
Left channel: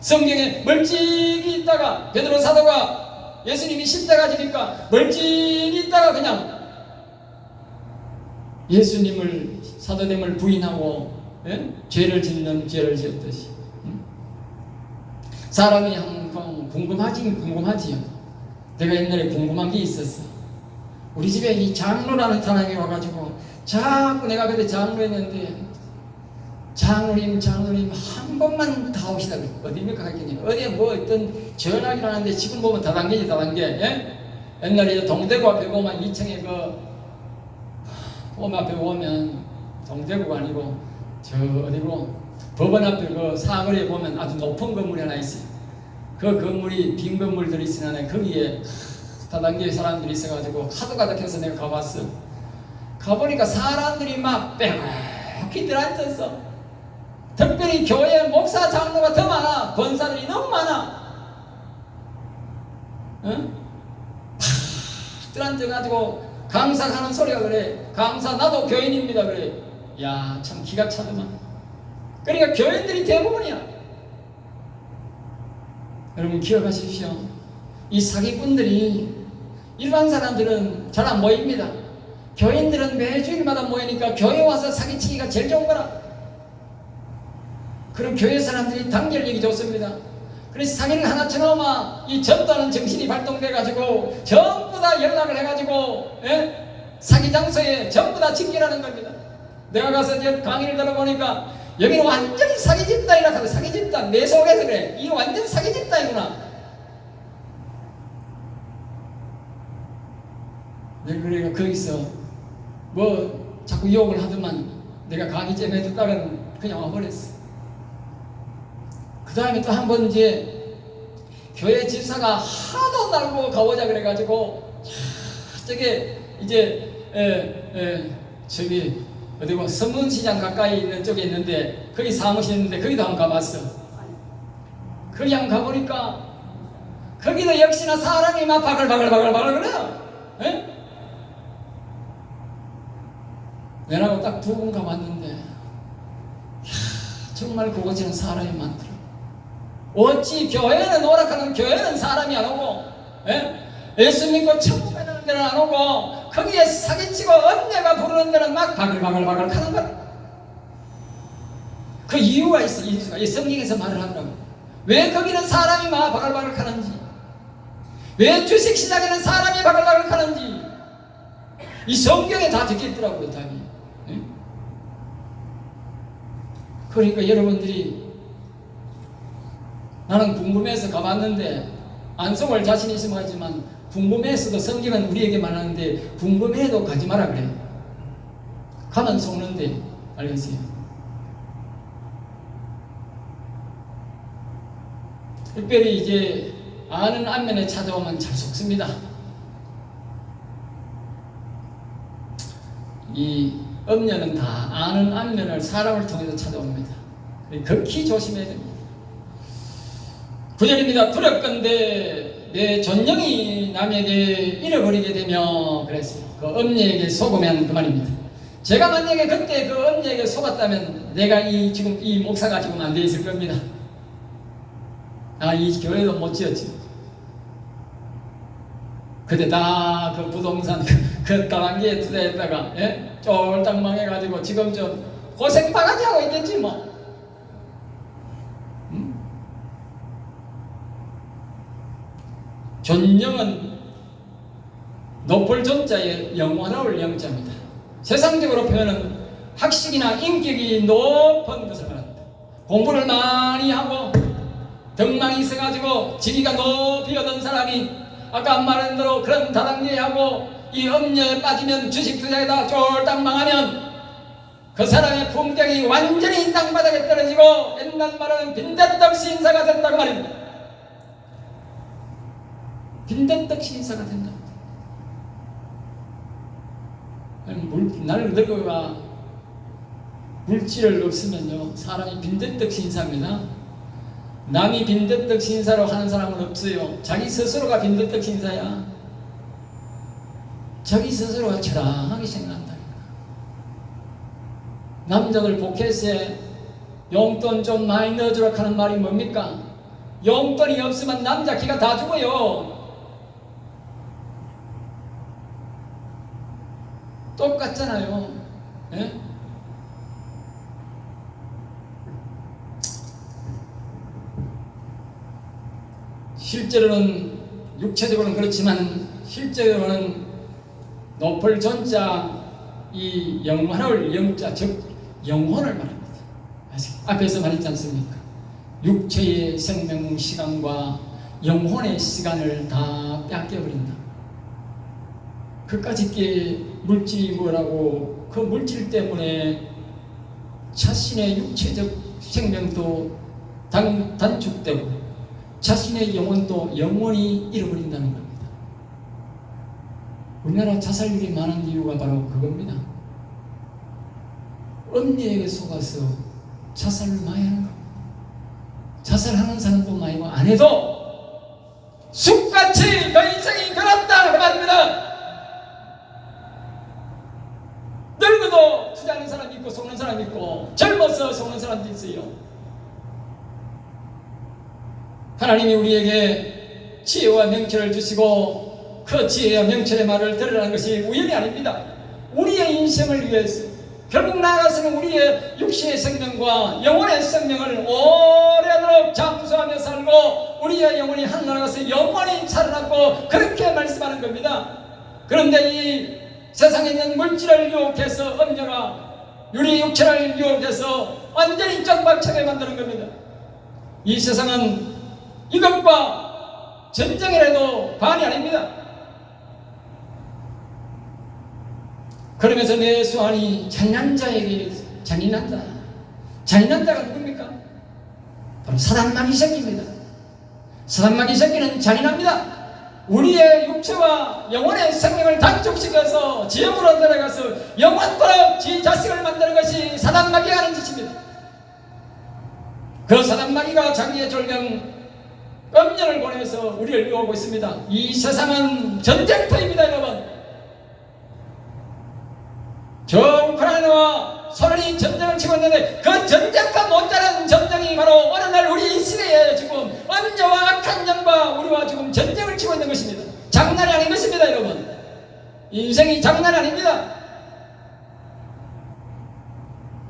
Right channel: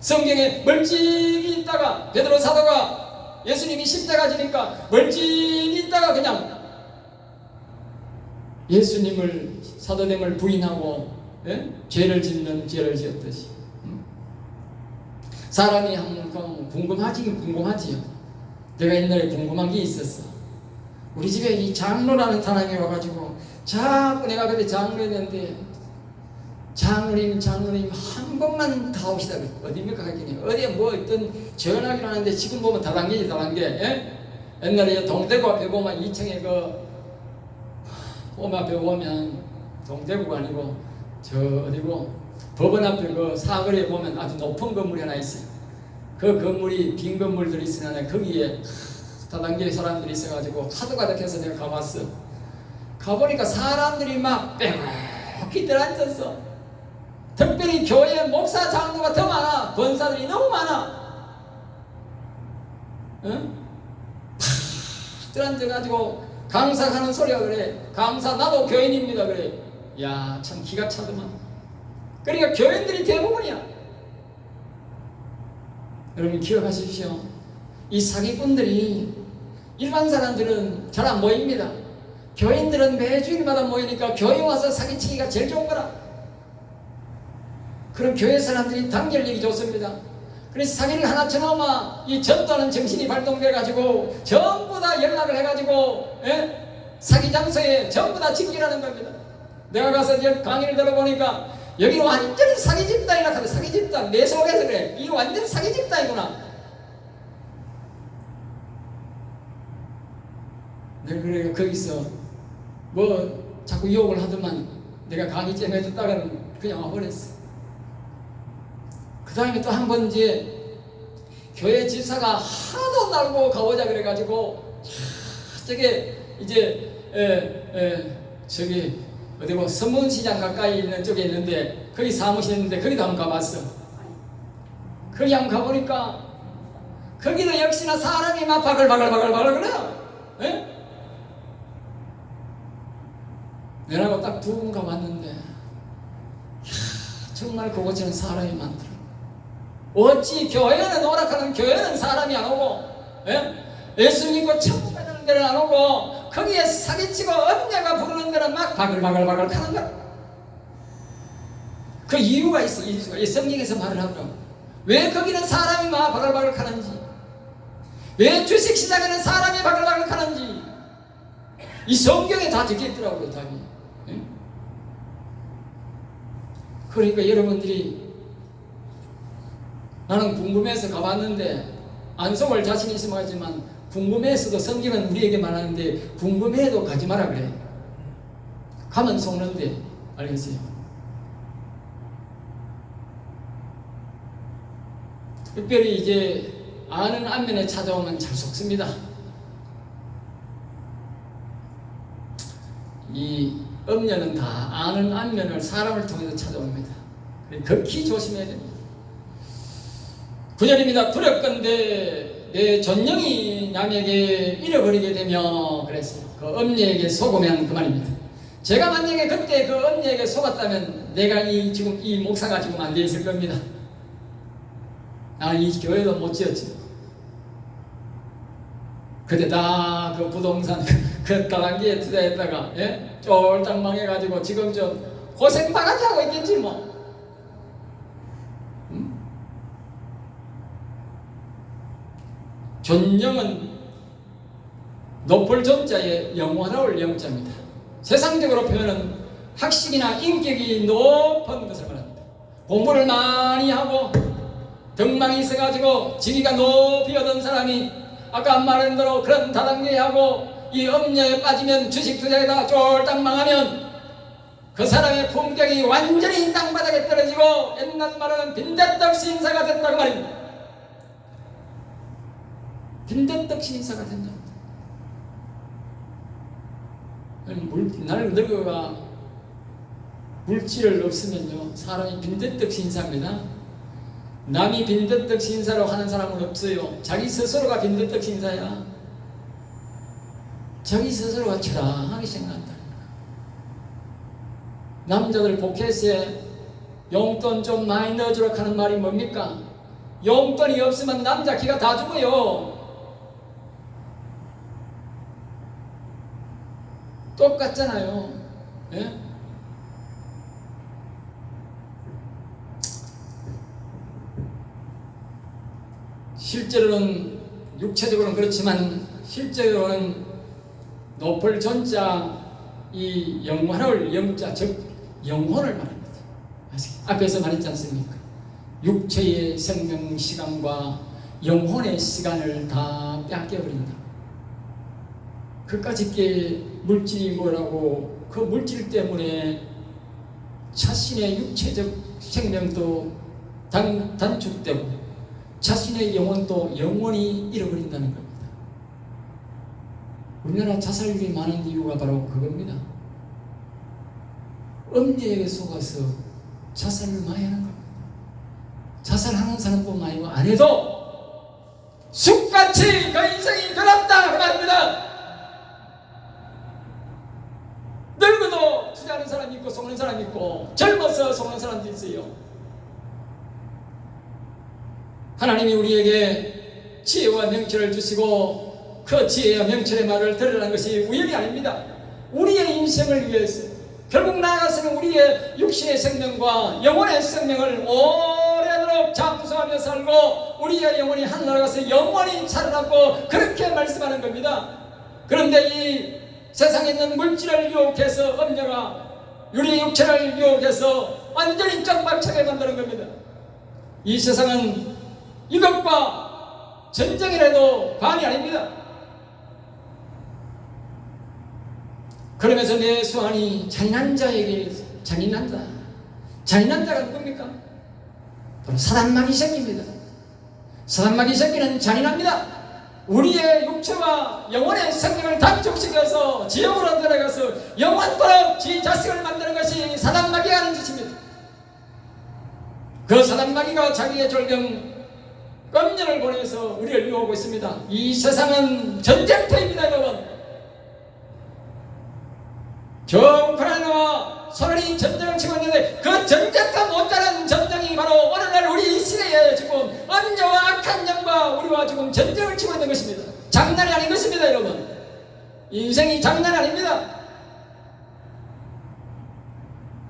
성경에 멀찍이 있다가 베드로 사도가 예수님이 십자가 지니까 멀찍이 있다가 그냥 예수님을, 사도됨을 부인하고 죄를 짓는 죄를 지었듯이 사람이 항상 궁금하지요. 내가 옛날에 궁금한 게 있었어. 우리 집에 이 장로라는 사람이 와가지고 자꾸 내가 그때 장로했는데 장로님 한 번만 다 옵시다. 어디입니까 하겠니? 어디에 뭐 어떤 전화기를 하는데 지금 보면 다단계지 다단계. 예? 옛날에 동대구 앞에 보면 2층에 봄 앞에 보면 동대구가 아니고 저 어디고 법원 앞에 그 사거리에 보면 아주 높은 건물이 하나 있어요. 그 건물이 빈 건물들이 있으나 거기에 다단계 사람들이 있어가지고 하도 가득해서 내가 가봤어. 가보니까 사람들이 막 빽빽히 들어앉았어. 특별히 교회 목사 장로가 더 많아. 권사들이 너무 많아. 응? 팍 들어앉아가지고 강사하는 소리가 그래. 강사 나도 교인입니다 그래. 야, 참 기가 차더만. 그러니까 교인들이 대부분이야. 여러분 기억하십시오. 이 사기꾼들이 일반 사람들은 잘 안 모입니다. 교인들은 매주일마다 모이니까 교회 와서 사기치기가 제일 좋은 거라. 그럼 교회 사람들이 단결력이 좋습니다. 그래서 사기를 하나 쳐놓으면 이 전도하는 정신이 발동돼가지고 전부 다 연락을 해가지고 예? 사기 장소에 전부 다 직결하는 겁니다. 내가 가서 이제 강의를 들어보니까 여기는 완전 사기 집단이라 하고 사기 집단 내 속에서 그래. 이거 완전 사기 집단이구나. 네, 그래 거기서 뭐 자꾸 유혹을 하더만 내가 강의 좀 해줄까는 그냥 와버렸어. 그 다음에 또 한 번 이제 교회 집사가 하도 날고 가보자 그래가지고 저게 이제 저기 어디 뭐 서문시장 가까이 있는 쪽에 있는데 거기 사무실 있는데 거기도 한번 가봤어. 거기 한번 가보니까 거기도 역시나 사람이 막 바글바글 그래. 에? 내라고 딱 두 번 가봤는데 정말 그곳에는 사람이 많더라. 어찌 교회는 오락하는 교회는 사람이 안 오고 예수 믿고 천국 가는 데는 안 오고 거기에 사기치고 언니가 부르는 데는 막 바글바글 하는 거야. 그 이유가 있어. 이 성경에서 말을 하더라고. 왜 거기는 사람이 막 바글바글 하는지, 왜 주식시장에는 사람이 바글바글 하는지 이 성경에 다 적혀있더라고요. 답이. 그러니까 여러분들이 나는 궁금해서 가봤는데 안 속을 자신 있으면 하지만 궁금해서도 성경은 우리에게 말하는데 궁금해도 가지 마라 그래. 가면 속는데 알겠어요? 특별히 이제 아는 안면에 찾아오면 잘 속습니다. 이 음녀는 다 아는 안면을 사람을 통해서 찾아옵니다. 극히 조심해야 됩니다. 9절입니다. 두렵건대 내 존영이 남에게 잃어버리게 되며 그랬어요. 그 음녀에게 속으면 그 말입니다. 제가 만약에 그때 그 음녀에게 속았다면 내가 지금 이 목사가 지금 안 돼 있을 겁니다. 이 교회도 못 지었지. 그때 다 그 부동산 그 다단계에 투자했다가 쫄딱 망해가지고 지금 좀 고생 바가지 하고 있겠지 뭐. 존영은 높을 존자의 영원할 영자입니다. 세상적으로 표현은 학식이나 인격이 높은 것을 말합니다. 공부를 많이 하고 덕망이 있어가지고 지위가 높이 얻은 사람이 아까 말한 대로 그런 다단계에 하고 이 음녀에 빠지면 주식 투자에다 쫄딱 망하면 그 사람의 품격이 완전히 땅바닥에 떨어지고 옛날 말하는 빈대떡 신사가 된다고 말입니다. 빈대떡 신사가 된다. 나를 늙어가 물질을 없으면요 사람이 빈대떡 신사입니다. 남이 빈대떡 신사로 하는 사람은 없어요. 자기 스스로가 빈대떡 신사야. 자기 스스로가 처량하게 생각한다. 남자들 포켓에 용돈 좀 많이 넣어주라 하는 말이 뭡니까? 용돈이 없으면 남자 기가 다 죽어요. 똑같잖아요. 예? 실제로는 육체적으로는 그렇지만 실제로는 높을 존자 이 영혼을 영자 즉 영혼을 말합니다. 앞에서 말했지 않습니까? 육체의 생명 시간과 영혼의 시간을 다 뺏겨버린다. 그까짓 게 물질이 뭐라고, 그 물질 때문에 자신의 육체적 생명도 단축되고 자신의 영혼도 영원히 잃어버린다는 겁니다. 우리나라 자살률이 많은 이유가 바로 그겁니다. 음녀에게 속아서 자살을 많이 하는 겁니다. 자살하는 사람도 많이고 안 해도 숲같이 그 인생이 변했다 그 말입니다. 늙어도 투자하는 사람이 있고 속는 사람이 있고 젊어서 속는 사람도 있어요. 하나님이 우리에게 지혜와 명철을 주시고 그 지혜와 명철의 말을 들으라는 것이 우연이 아닙니다. 우리의 인생을 위해서 결국 나아가서는 우리의 육신의 생명과 영혼의 생명을 오래도록 잠수하며 살고 우리의 영혼이 하늘나라 가서 영원히 살아남고 그렇게 말씀하는 겁니다. 그런데 이 세상에 있는 물질을 유혹해서 음녀가 우리 육체를 유혹해서 완전히 짱박차게 만드는 겁니다. 이 세상은 이것과 전쟁이라도 관이 아닙니다. 그러면서 내 수완이 잔인한 자에게 잔인한다. 잔인한 자가 누굽니까? 바로 사단마귀 새끼입니다. 사단마귀 새끼는 잔인합니다. 우리의 육체와 영혼의 생명을 단축시켜서 지옥으로 들어가서 영원토록 지 자식을 만드는 것이 사단마귀가 하는 짓입니다. 그 사단마귀가 자기의 졸경 음녀를 보내서 우리를 유혹하고 있습니다. 이 세상은 전쟁터입니다, 여러분. 저 우크라이나와 소련이 전쟁을 치고 있는데 그 전쟁과 못다른 전쟁이 바로 오늘날 우리 이 시대에 지금 음녀와 악한 영과 우리와 지금 전쟁을 치고 있는 것입니다. 장난이 아닌 것입니다, 여러분. 인생이 장난이 아닙니다.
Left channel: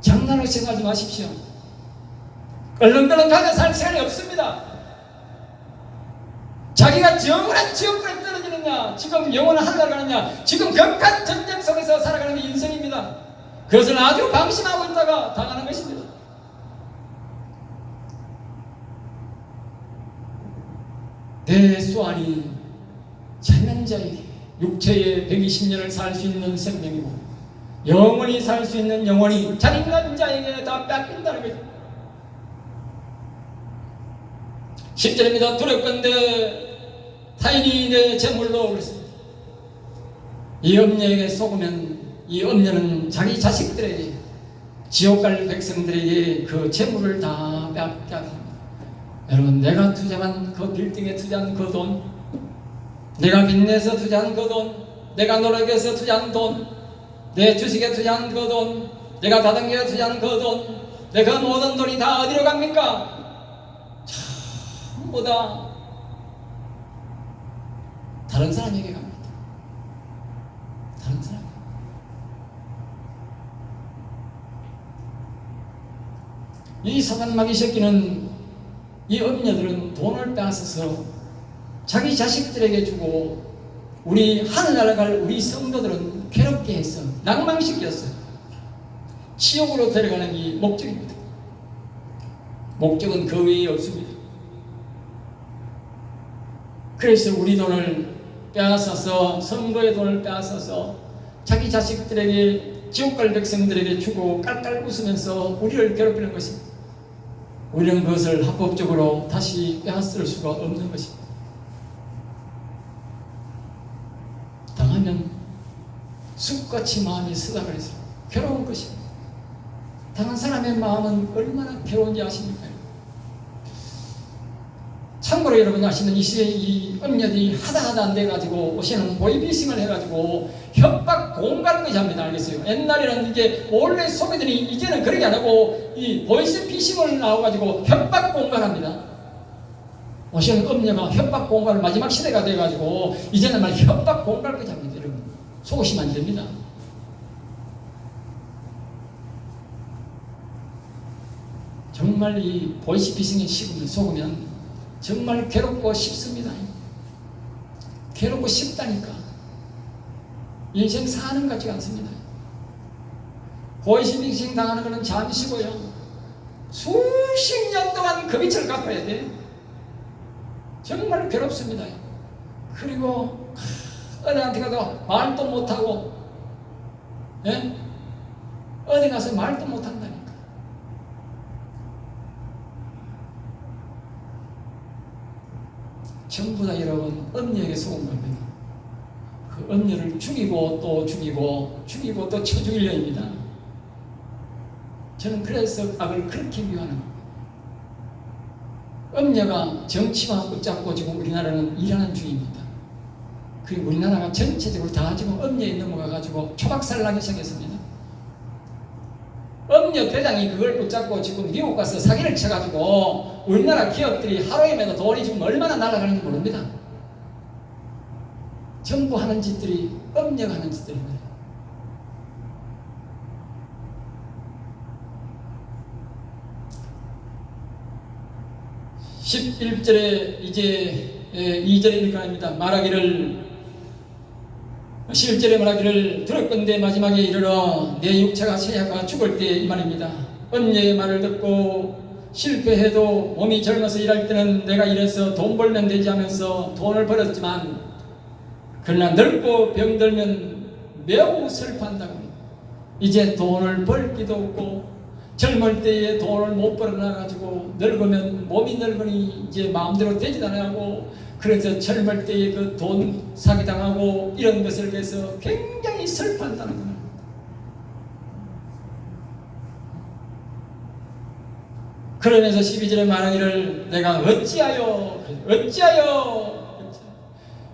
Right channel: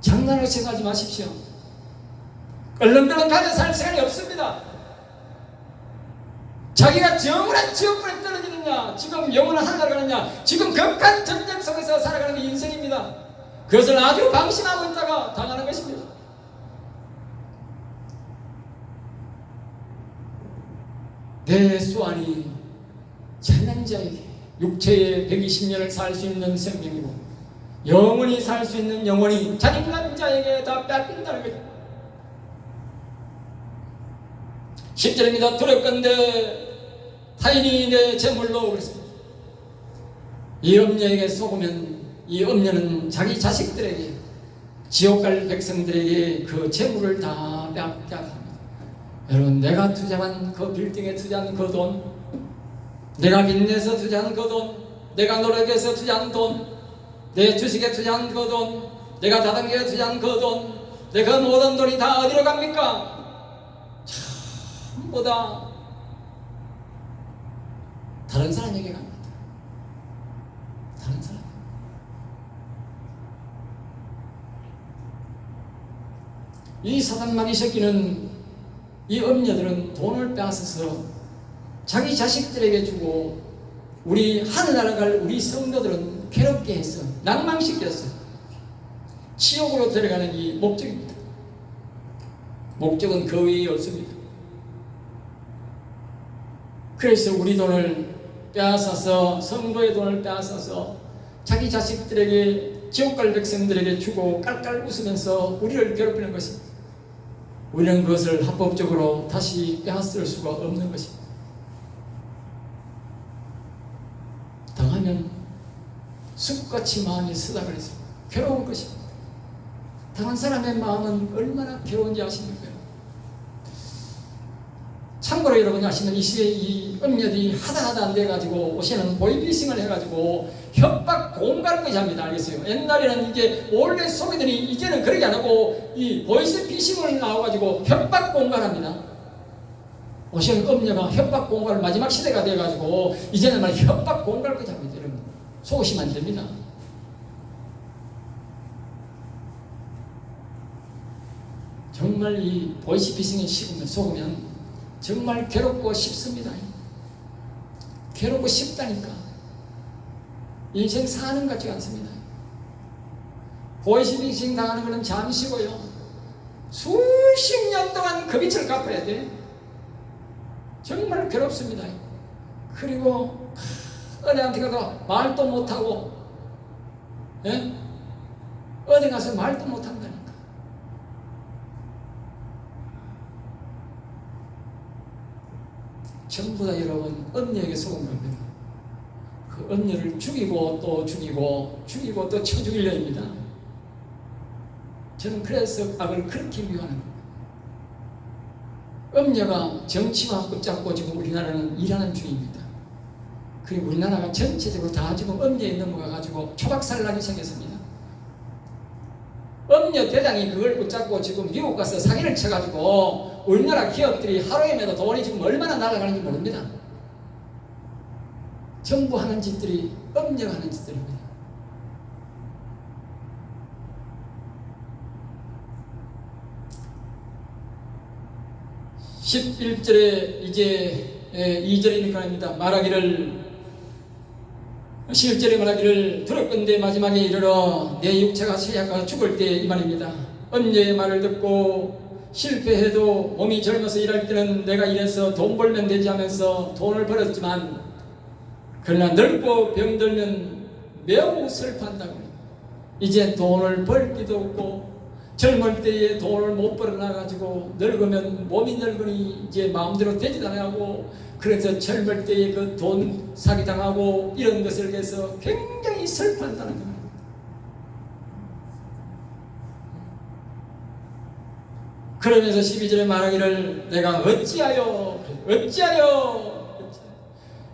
장난으로 생각하지 마십시오. 얼렁덜렁하게 살 시간이 없습니다. 자기가 영원한 지옥불에 떨어지느냐, 지금 영원한 하늘나라 가느냐, 지금 격한 전쟁 속에서 살아가는 인생입니다. 그것을 아주 방심하고 있다가 당하는 것입니다. 내 수완이 참는 자에게 육체의 120년을 살 수 있는 생명이고 영원히 살 수 있는 영혼이 잔인한 자에게 다 뺏긴다는 거죠. 10절입니다. 두렵건대 타인이 내 재물로 그랬습니다. 이 음녀에게 속으면 이 음녀는 자기 자식들에게 지옥갈 백성들에게 그 재물을 다 빼앗게 합니다. 여러분, 내가 투자한 그 빌딩에 투자한 그 돈, 내가 빚내서 투자한 그 돈, 내가 노력해서 투자한 돈, 내 주식에 투자한 그 돈, 내가 다단계에 투자한 그 돈, 내 그 모든 돈이 다 어디로 갑니까? 전부 다 다른 사람에게 갑니다. 다른 사람. 이 사단마귀 새끼는, 이 음녀들은 돈을 빼앗아서 자기 자식들에게 주고 우리 하늘나라 갈 우리 성도들은 괴롭게 했어, 낭망시켰어. 지옥으로 데려가는 이 목적입니다. 목적은 그 외에 없습니다. 그래서 우리 돈을 빼앗아서, 성도의 돈을 빼앗아서 자기 자식들에게, 지옥갈 백성들에게 주고 깔깔 웃으면서 우리를 괴롭히는 것입니다. 우리는 그것을 합법적으로 다시 빼앗을 수가 없는 것입니다. 당하면 숲같이 마음이 쓰다그려서 괴로운 것입니다. 다른 사람의 마음은 얼마나 괴로운지 아십니까? 참고로 여러분 아시는 이 시대에 이 음녀들이 하다 안 돼가지고 오시는 보이피싱을 해가지고 협박 공갈까지 합니다. 알겠어요? 옛날에는 이게 원래 소비들이 이제는 그렇게 안 하고 이 보이스피싱을 나와가지고 협박 공갈합니다. 오시는 음녀가 협박 공갈 마지막 시대가 돼가지고 이제는 말 협박 공갈까지 합니다. 여러분, 속으시면 안 됩니다. 정말 이 보이스피싱에 속으면 정말 괴롭고 쉽습니다. 괴롭고 쉽다니까. 인생 사는 것 같지가 않습니다. 보이스피싱 당하는 것은 잠시고요. 수십 년 동안 그 빛을 갚아야 돼. 정말 괴롭습니다. 그리고 어디한테 가서 말도 못하고, 예? 어디 가서 말도 못한다니까. 전부 다 여러분 음녀에게 속은 겁니다. 그 음녀를 죽이고 또 죽이고 죽이고 또 쳐 죽이려 합니다. 저는 그래서 악을 그렇게 미워하는 겁니다. 음녀가 정치와 붙잡고 지금 우리나라는 일하는 중입니다. 그리고 우리나라가 전체적으로 다 지금 음녀에 넘어가가지고 초박살나기 시작했습니다. 음녀 대장이 그걸 붙잡고 지금 미국 가서 사기를 쳐가지고 우리나라 기업들이 하루에마다 돈이 지금 얼마나 날아가는지 모릅니다. 전부 하는 짓들이 음녀가 하는 짓들입니다. (11절에) 이제 2절이니까 합니다. 말하기를, 11절에 말하기를 들었건대 마지막에 이르러 내 육체가 쇠약하가 죽을 때 이 말입니다. 음녀의 말을 듣고 실패해도 몸이 젊어서 일할 때는 내가 이래서 돈 벌면 되지 하면서 돈을 벌었지만, 그러나 늙고 병들면 매우 슬퍼한다고. 이제 돈을 벌 기도 없고 젊을 때에 돈을 못 벌어놔가지고 늙으면 몸이 늙으니 이제 마음대로 되지도 않고, 그래서 젊을 때에 그 돈 사기당하고 이런 것을 위해서 굉장히 슬퍼한다는 겁니다. 그러면서 12절에 말하기를 내가 어찌하여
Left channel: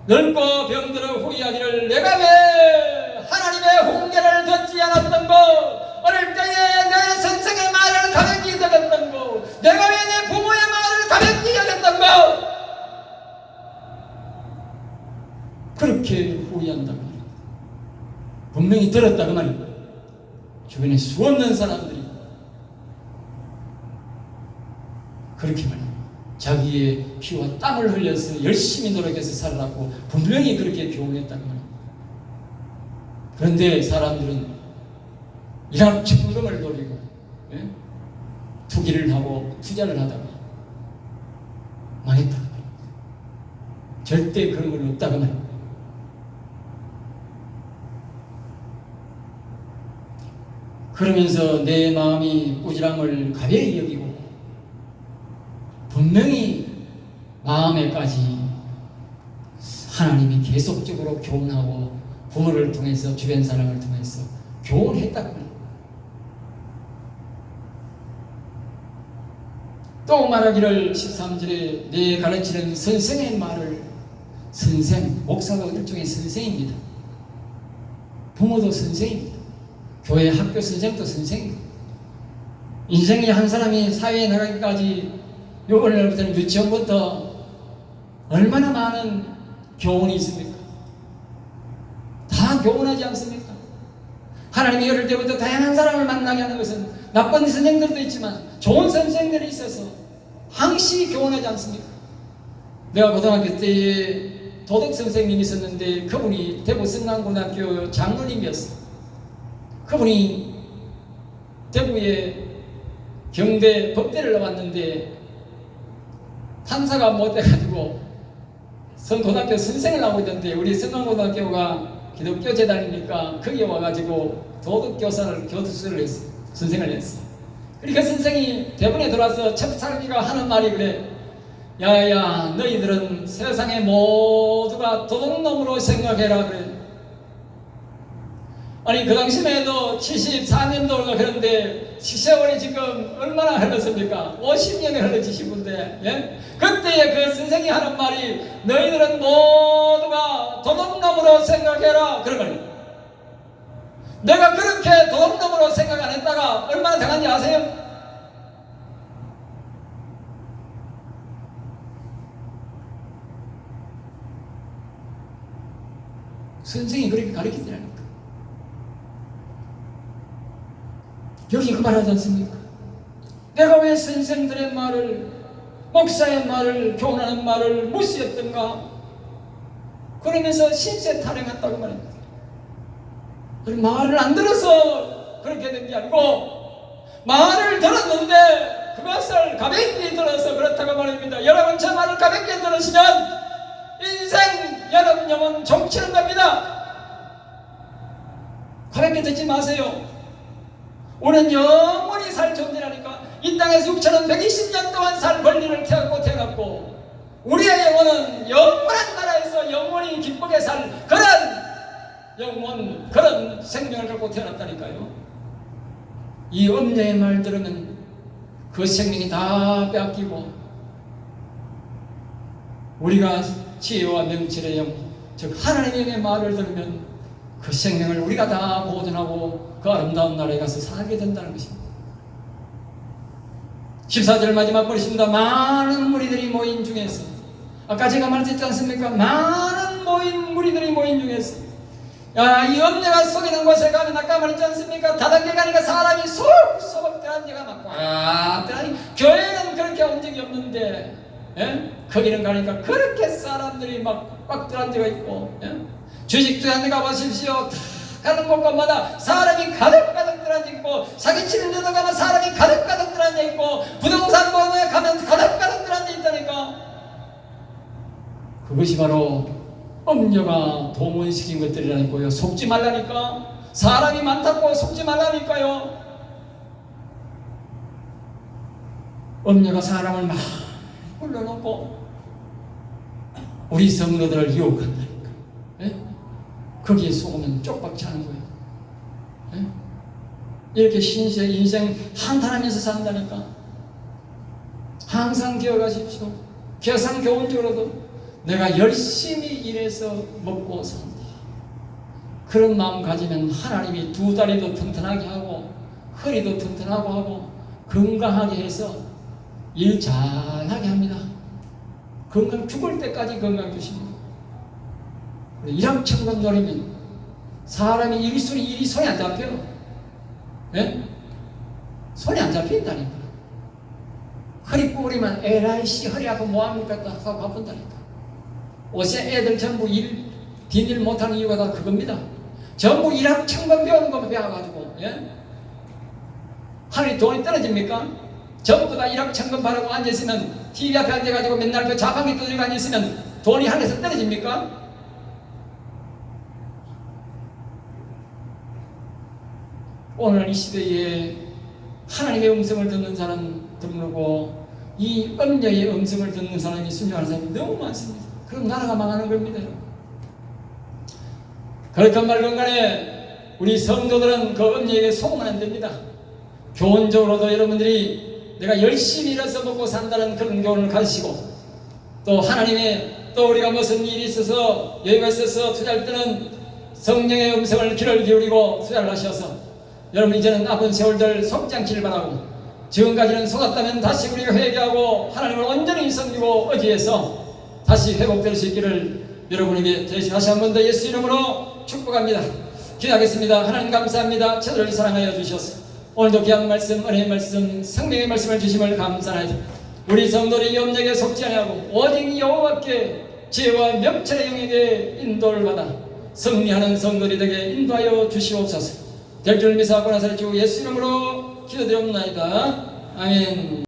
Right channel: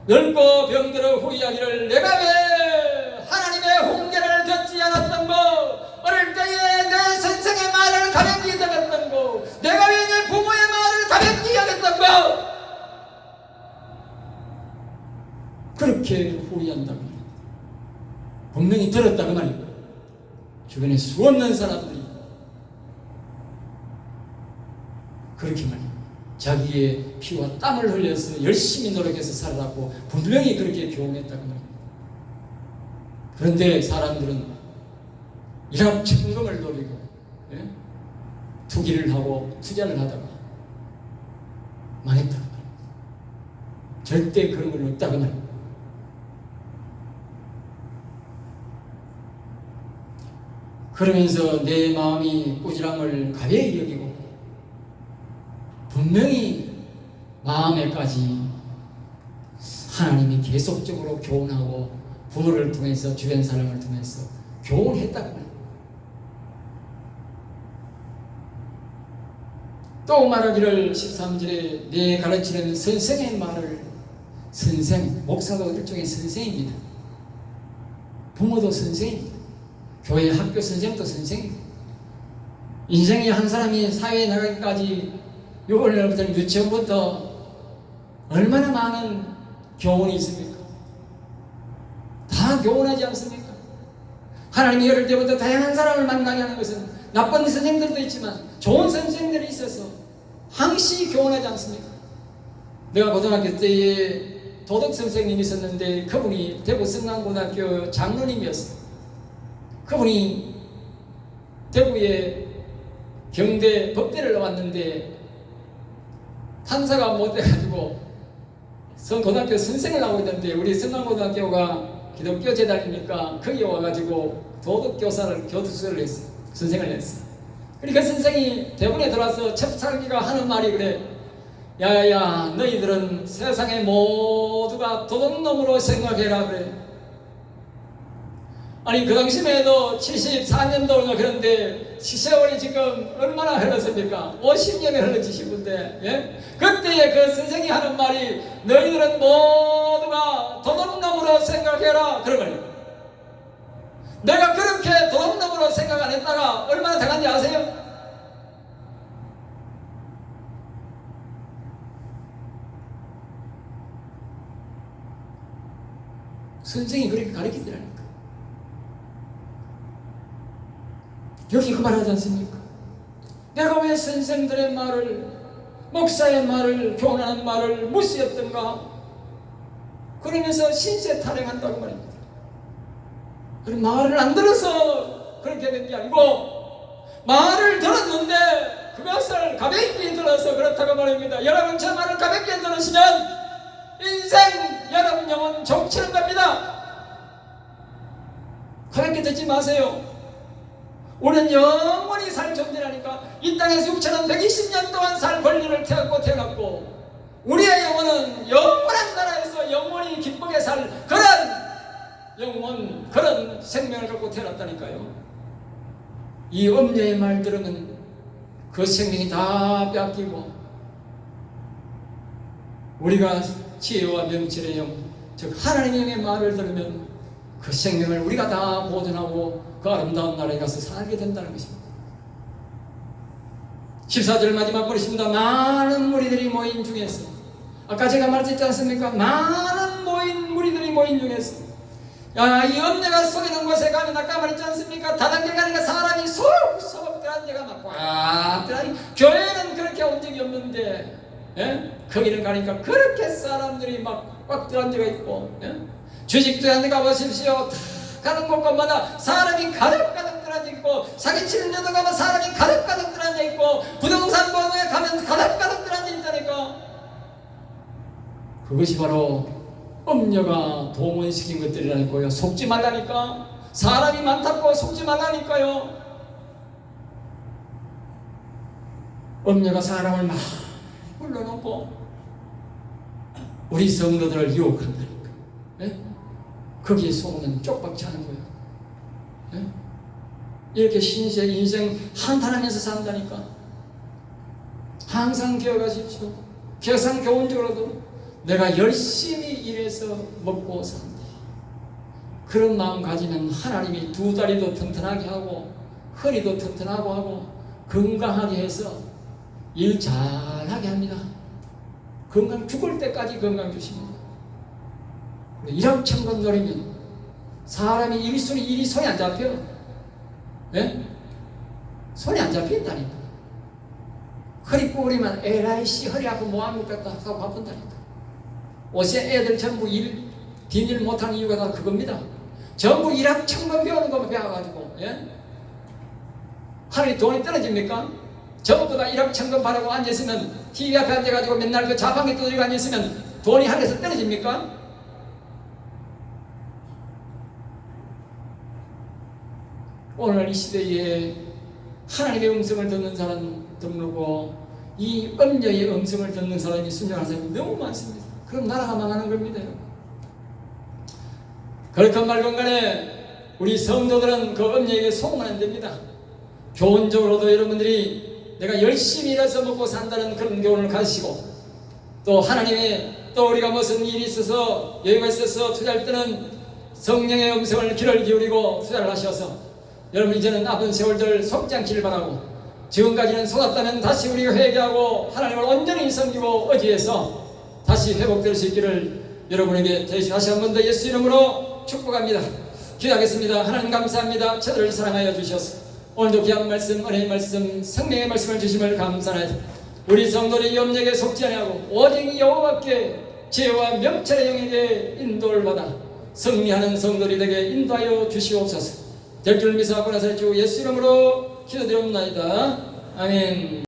늙고 병들어 후회하기를 내가 왜 하나님의 훈계를 듣지 않았던 거, 어릴 때에 내 선생의 말을 가볍게 여겼던 거, 내가 왜 내 부모의 말을 가볍게 여겼던 거, 그렇게 후회한다고 합니다. 분명히 들었다고 말입니다. 주변에 수없는 사람들이 그렇게 말합니다. 자기의 피와 땀을 흘려서 열심히 노력해서 살아라고 분명히 그렇게 교훈했다고 말합니다. 그런데 사람들은 일학 천금을 노리고, 예? 투기를 하고 투자를 하다가 망했다고 말합니다. 절대 그런 건 없다고 말합니다. 그러면서 내 마음이 꾸지람을 가벼이 여기고 분명히 마음에까지 하나님이 계속적으로 교훈하고 부모를 통해서 주변 사람을 통해서 교훈했다고 합니다. 또 말하기를 13절에 내 가르치는 선생의 말을, 선생, 목사도 일종의 선생입니다. 부모도 선생입니다. 교회 학교 선생도 선생입니다. 인생의 한 사람이 사회에 나가기까지 오늘부터 유치원부터 얼마나 많은 교훈이 있습니까? 다 교훈하지 않습니까? 하나님이 어릴 때부터 다양한 사람을 만나게 하는 것은 나쁜 선생들도 있지만 좋은 선생들이 있어서 항시 교훈하지 않습니까? 내가 고등학교 때에 도덕 선생님이 있었는데 그분이 대구 성남고등학교 장로님이었어요. 그분이 대구에 경대 법대를 나왔는데 판사가 못돼가지고 고등학교 선생을 나오고 있는데 우리 성남고등학교가 기독교 재단이니까 거기 와가지고 도덕교사를 교수를 했어. 선생을 했어. 그러니까 선생이 대본에 들어와서 첫 살기가 하는 말이 그래. 야야 너희들은 세상의 모두가 도둑놈으로 생각해라 그래. 아니 그 당시만 해도 74년도로 그런데 세월이 지금 얼마나 흘렀습니까? 50년이 흘렀지 싶은데, 예? 그때에 그 선생이 하는 말이 너희들은 모두가 도둑놈으로 생각해라 그런 거예요. 내가 그렇게 도둑놈으로 생각 안 했다가 얼마나 당한지 아세요? 선생이 그렇게 가르치더라고요. 여기 그 말하지 않습니까? 내가 왜 선생들의 말을, 목사의 말을, 교훈하는 말을 무시했던가? 그러면서 신세 타령했다고 말합니다. 말을 안 들어서 그렇게 된 게 아니고 말을 들었는데 그것을 가볍게 들어서 그렇다고 말합니다. 여러분 저 말을 가볍게 들으시면 인생 여러분 영혼 종치는 겁니다. 가볍게 듣지 마세요. 우리는 영원히 살 존재라니까. 이 땅에서 6,120년 동안 살 권리를 태웠고 우리의 영혼은 영원한 나라에서 영원히 기쁘게 살 그런 영혼, 그런 생명을 갖고 태어났다니까요. 이 엄녀의 말 들으면 그 생명이 다 빼앗기고 우리가 지혜와 명철의 영, 즉 하나님의 말을 들으면 그 생명을 우리가 다 보존하고 그 아름다운 나라에 가서 살게 된다는 것입니다. 14절 마지막 보겠습니다. 많은 무리들이 모인 중에서, 아까 제가 말했지 않습니까? 많은 무리들이 모인 중에서, 이 엄녀가 속이는 곳에 가면 아까 말했지 않습니까? 다단계 가니까 사람이 소복소복 들어간 데가 막 꽉 들어가니, 교회는 그렇게 온 적이 없는데 거기는 가니까 그렇게 사람들이 막 꽉 들어간 데가 있고, 주식투자한 데 가보십시오. 가는 곳마다 사람이 가득가득 들어앉아 있고, 사기치는 데도 가면 사람이 가득가득 들어앉아 있고, 부동산 보험에 가면 가득가득 들어앉아 있다니까. 그것이 바로 엄녀가 동원시킨 것들이라니까요. 속지 말라니까. 사람이 많다고 속지 말라니까요. 엄녀가 사람을 막 불러놓고 우리 성도들을 유혹한다니까. 거기에 속으면 쪽박치 하는 거예요. 이렇게 인생 한탄하면서 산다니까. 항상 기억하십시오. 계산 교훈적으로도 내가 열심히 일해서 먹고 산다. 그런 마음 가지면 하나님이 두 다리도 튼튼하게 하고 허리도 튼튼하고 하고 건강하게 해서 일 잘하게 합니다. 건강 죽을 때까지 건강 주십니다. 일확천금 노리면 사람이 일이 손에 안 잡혀요. 손에 안 잡힌다니까. 허리 꼬리만 에라이씨 허리 아프고 뭐합니까 하고 바쁜다니까. 옷에 애들 전부 뒷일 못하는 이유가 다 그겁니다. 전부 일확천금 배우는 거 배워가지고 하늘에 돈이 떨어집니까? 전부 다 일확천금 바라고 앉아있으면 TV 앞에 앉아가지고 맨날 그 자판기 두드리고 앉아있으면 돈이 하늘에서 떨어집니까? 오늘 이 시대에 하나님의 음성을 듣는 사람 드물고 이 엄녀의 음성을 듣는 사람이 순종하는 사람이 너무 많습니다. 그럼 나라가 망하는 겁니다. 그렇건 말건 간에 우리 성도들은 그 엄녀에게 속으면 안 됩니다. 교훈적으로도 여러분들이 내가 열심히 일해서 먹고 산다는 그런 교훈을 가지시고, 또 하나님의 또 우리가 무슨 일이 있어서 여유가 있어서 투자할 때는 성령의 음성을 귀를 기울이고 투자를 하셔서 여러분 이제는 남은 세월들 속지 않기를 바라고, 지금까지는 속았다면 다시 우리가 회개하고 하나님을 온전히 섬기고 의지해서 다시 회복될 수 있기를 여러분에게 다시 한 번 더 예수 이름으로 축복합니다. 기도하겠습니다. 하나님 감사합니다. 저들을 사랑하여 주셔서 오늘도 귀한 말씀, 은혜의 말씀, 생명의 말씀을 주심을 감사하옵나이다. 우리 성도의 염려에 속지 아니하고 오직 여호와께 지혜와 명철의 영에게 인도를 받아 승리하는 성도들이 되게 인도하여 주시옵소서. 될 줄 믿사옵고 나사렛 주 예수 이름으로 기도드리옵나이다. 아멘.